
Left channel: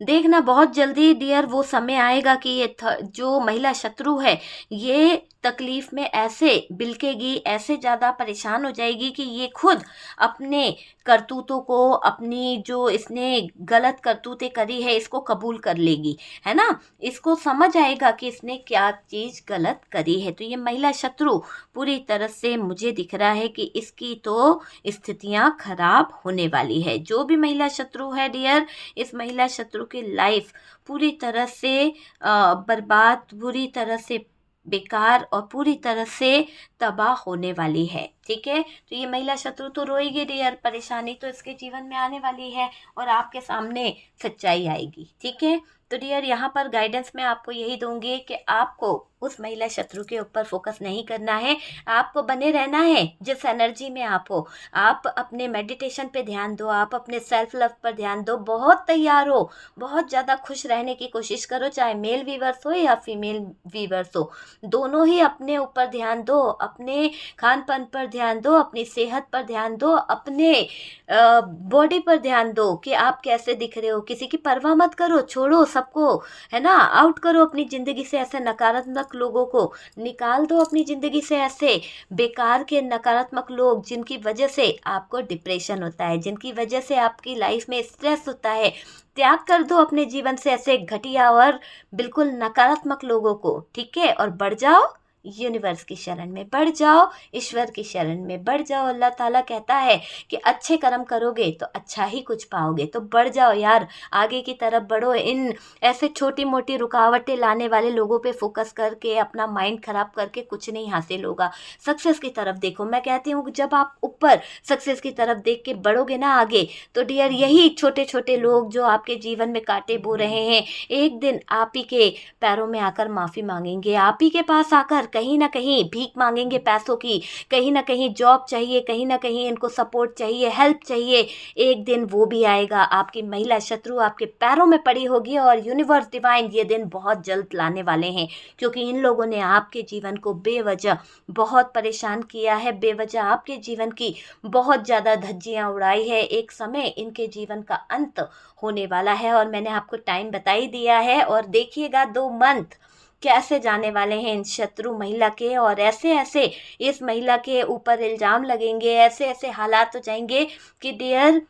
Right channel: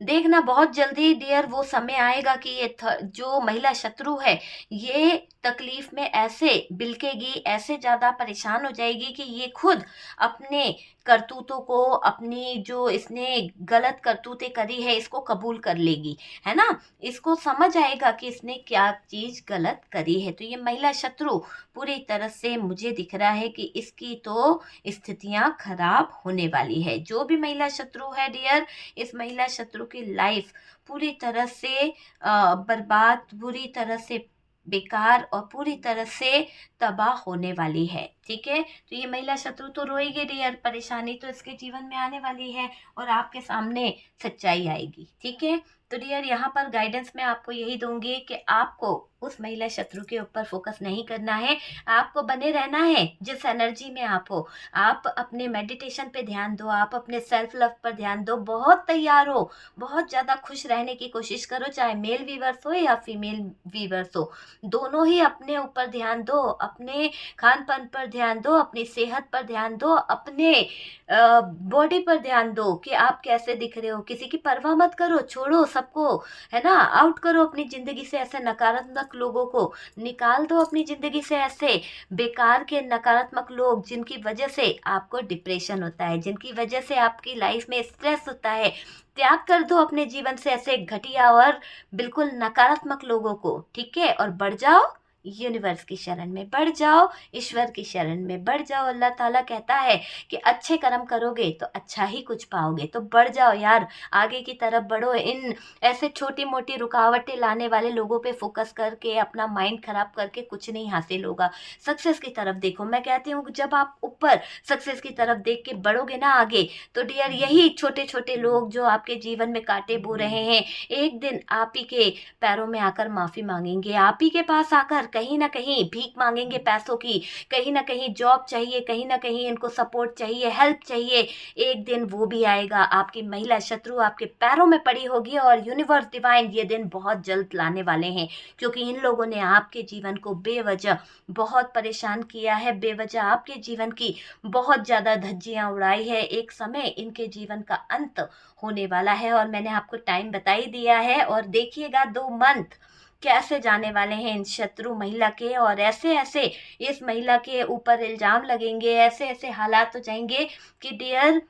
देखना बहुत जल्दी डियर वो समय आएगा कि ये जो महिला शत्रु है ये तकलीफ में ऐसे बिलकेगी, ऐसे ज़्यादा परेशान हो जाएगी कि ये खुद अपने करतूतों को, अपनी जो इसने गलत करतूतें करी है इसको कबूल कर लेगी, है ना। इसको समझ आएगा कि इसने क्या चीज़ गलत करी है। तो ये महिला शत्रु पूरी तरह से मुझे दिख रहा है कि इसकी तो स्थितियां खराब होने वाली है। जो भी महिला शत्रु है डियर, इस महिला शत्रु की लाइफ पूरी तरह से बर्बाद, पूरी तरह से बेकार और पूरी तरह से तबाह होने वाली है। ठीक है, तो ये महिला शत्रु तो रोएगी डियर, परेशानी तो इसके जीवन में आने वाली है और आपके सामने सच्चाई आएगी। ठीक है, तो डियर यहाँ पर गाइडेंस मैं आपको यही दूंगी कि आपको उस महिला शत्रु के ऊपर फोकस नहीं करना है, आपको बने रहना है जिस एनर्जी में आप हो। आप अपने मेडिटेशन पे ध्यान दो, आप अपने सेल्फ लव पर ध्यान दो, बहुत तैयार हो, बहुत ज़्यादा खुश रहने की कोशिश करो, चाहे मेल वीवर्स हो या फीमेल वीवर्स हो, दोनों ही अपने ऊपर ध्यान दो, अपने खान पान पर ध्यान दो, अपनी सेहत पर ध्यान दो, अपने बॉडी पर ध्यान दो कि आप कैसे दिख रहे हो। किसी की परवाह मत करो, छोड़ो सबको, है ना, आउट करो अपनी ज़िंदगी से ऐसे नकारात्मक लोगों को, निकाल दो अपनी ज़िंदगी से ऐसे बेकार के नकारात्मक लोग जिनकी वजह से आपको डिप्रेशन होता है, जिनकी वजह से आपकी लाइफ में स्ट्रेस होता है। त्याग कर दो अपने जीवन से ऐसे घटिया और बिल्कुल नकारात्मक लोगों को, ठीक है, और बढ़ जाओ यूनिवर्स की शरण में, बढ़ जाओ ईश्वर की शरण में, बढ़ जाओ। अल्लाह ताला कहता है कि अच्छे कर्म करोगे तो अच्छा ही कुछ पाओगे। तो बढ़ जाओ यार, आगे की तरफ बढ़ो। इन ऐसे छोटी मोटी रुकावटें लाने वाले लोगों पे फोकस करके अपना माइंड खराब करके कुछ नहीं हासिल होगा। सक्सेस की तरफ देखो। मैं कहती हूँ जब आप ऊपर सक्सेस की तरफ देख के बढ़ोगे ना आगे, तो डियर यही छोटे छोटे लोग जो आपके जीवन में कांटे बो रहे हैं, एक दिन आप ही के पैरों में आकर माफ़ी मांगेंगे, आप ही के पास आकर कहीं ना कहीं भीख मांगेंगे पैसों की, कहीं ना कहीं जॉब चाहिए, कहीं ना कहीं इनको सपोर्ट चाहिए, हेल्प चाहिए। एक दिन वो भी आएगा, आपकी महिला शत्रु आपके पैरों में पड़ी होगी और यूनिवर्स डिवाइन ये दिन बहुत जल्द लाने वाले हैं, क्योंकि इन लोगों ने आपके जीवन को बेवजह बहुत परेशान किया है, बेवजह आपके जीवन की बहुत ज़्यादा धज्जियाँ उड़ाई है। एक समय इनके जीवन का अंत होने वाला है और मैंने आपको टाइम बता ही दिया है। और देखिएगा 2 मंथ कैसे जाने वाले हैं इन शत्रु महिला के, और ऐसे ऐसे इस महिला के ऊपर इल्ज़ाम लगेंगे, ऐसे ऐसे हालात हो जाएंगे कि डियर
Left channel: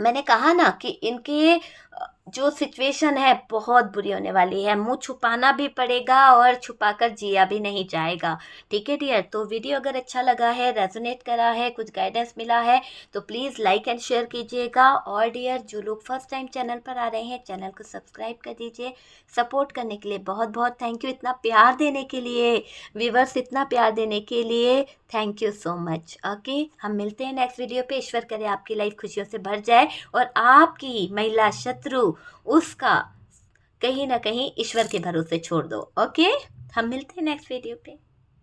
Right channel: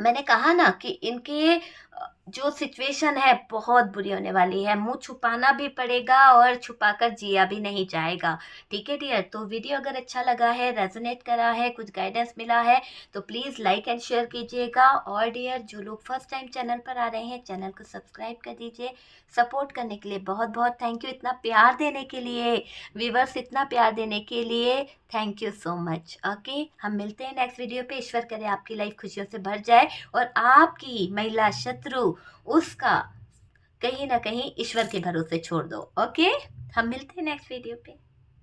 मैंने कहा ना कि इनके जो सिचुएशन है बहुत बुरी होने वाली है। मुंह छुपाना भी पड़ेगा और छुपाकर जिया भी नहीं जाएगा। ठीक है डियर, तो वीडियो अगर अच्छा लगा है, रेजोनेट करा है, कुछ गाइडेंस मिला है तो प्लीज़ लाइक एंड शेयर कीजिएगा। और डियर जो लोग फर्स्ट टाइम चैनल पर आ रहे हैं, चैनल को सब्सक्राइब कर दीजिए। सपोर्ट करने के लिए बहुत बहुत थैंक यू, इतना प्यार देने के लिए, व्यूवर्स इतना प्यार देने के लिए thank you so much. Okay, हम मिलते हैं नेक्स्ट वीडियो पे। ईश्वर करे आपकी लाइफ खुशियों से भर जाए और आपकी महिला शत्रु उसका कहीं ना कहीं ईश्वर के भरोसे छोड़ दो। ओके, हम मिलते हैं नेक्स्ट वीडियो पे।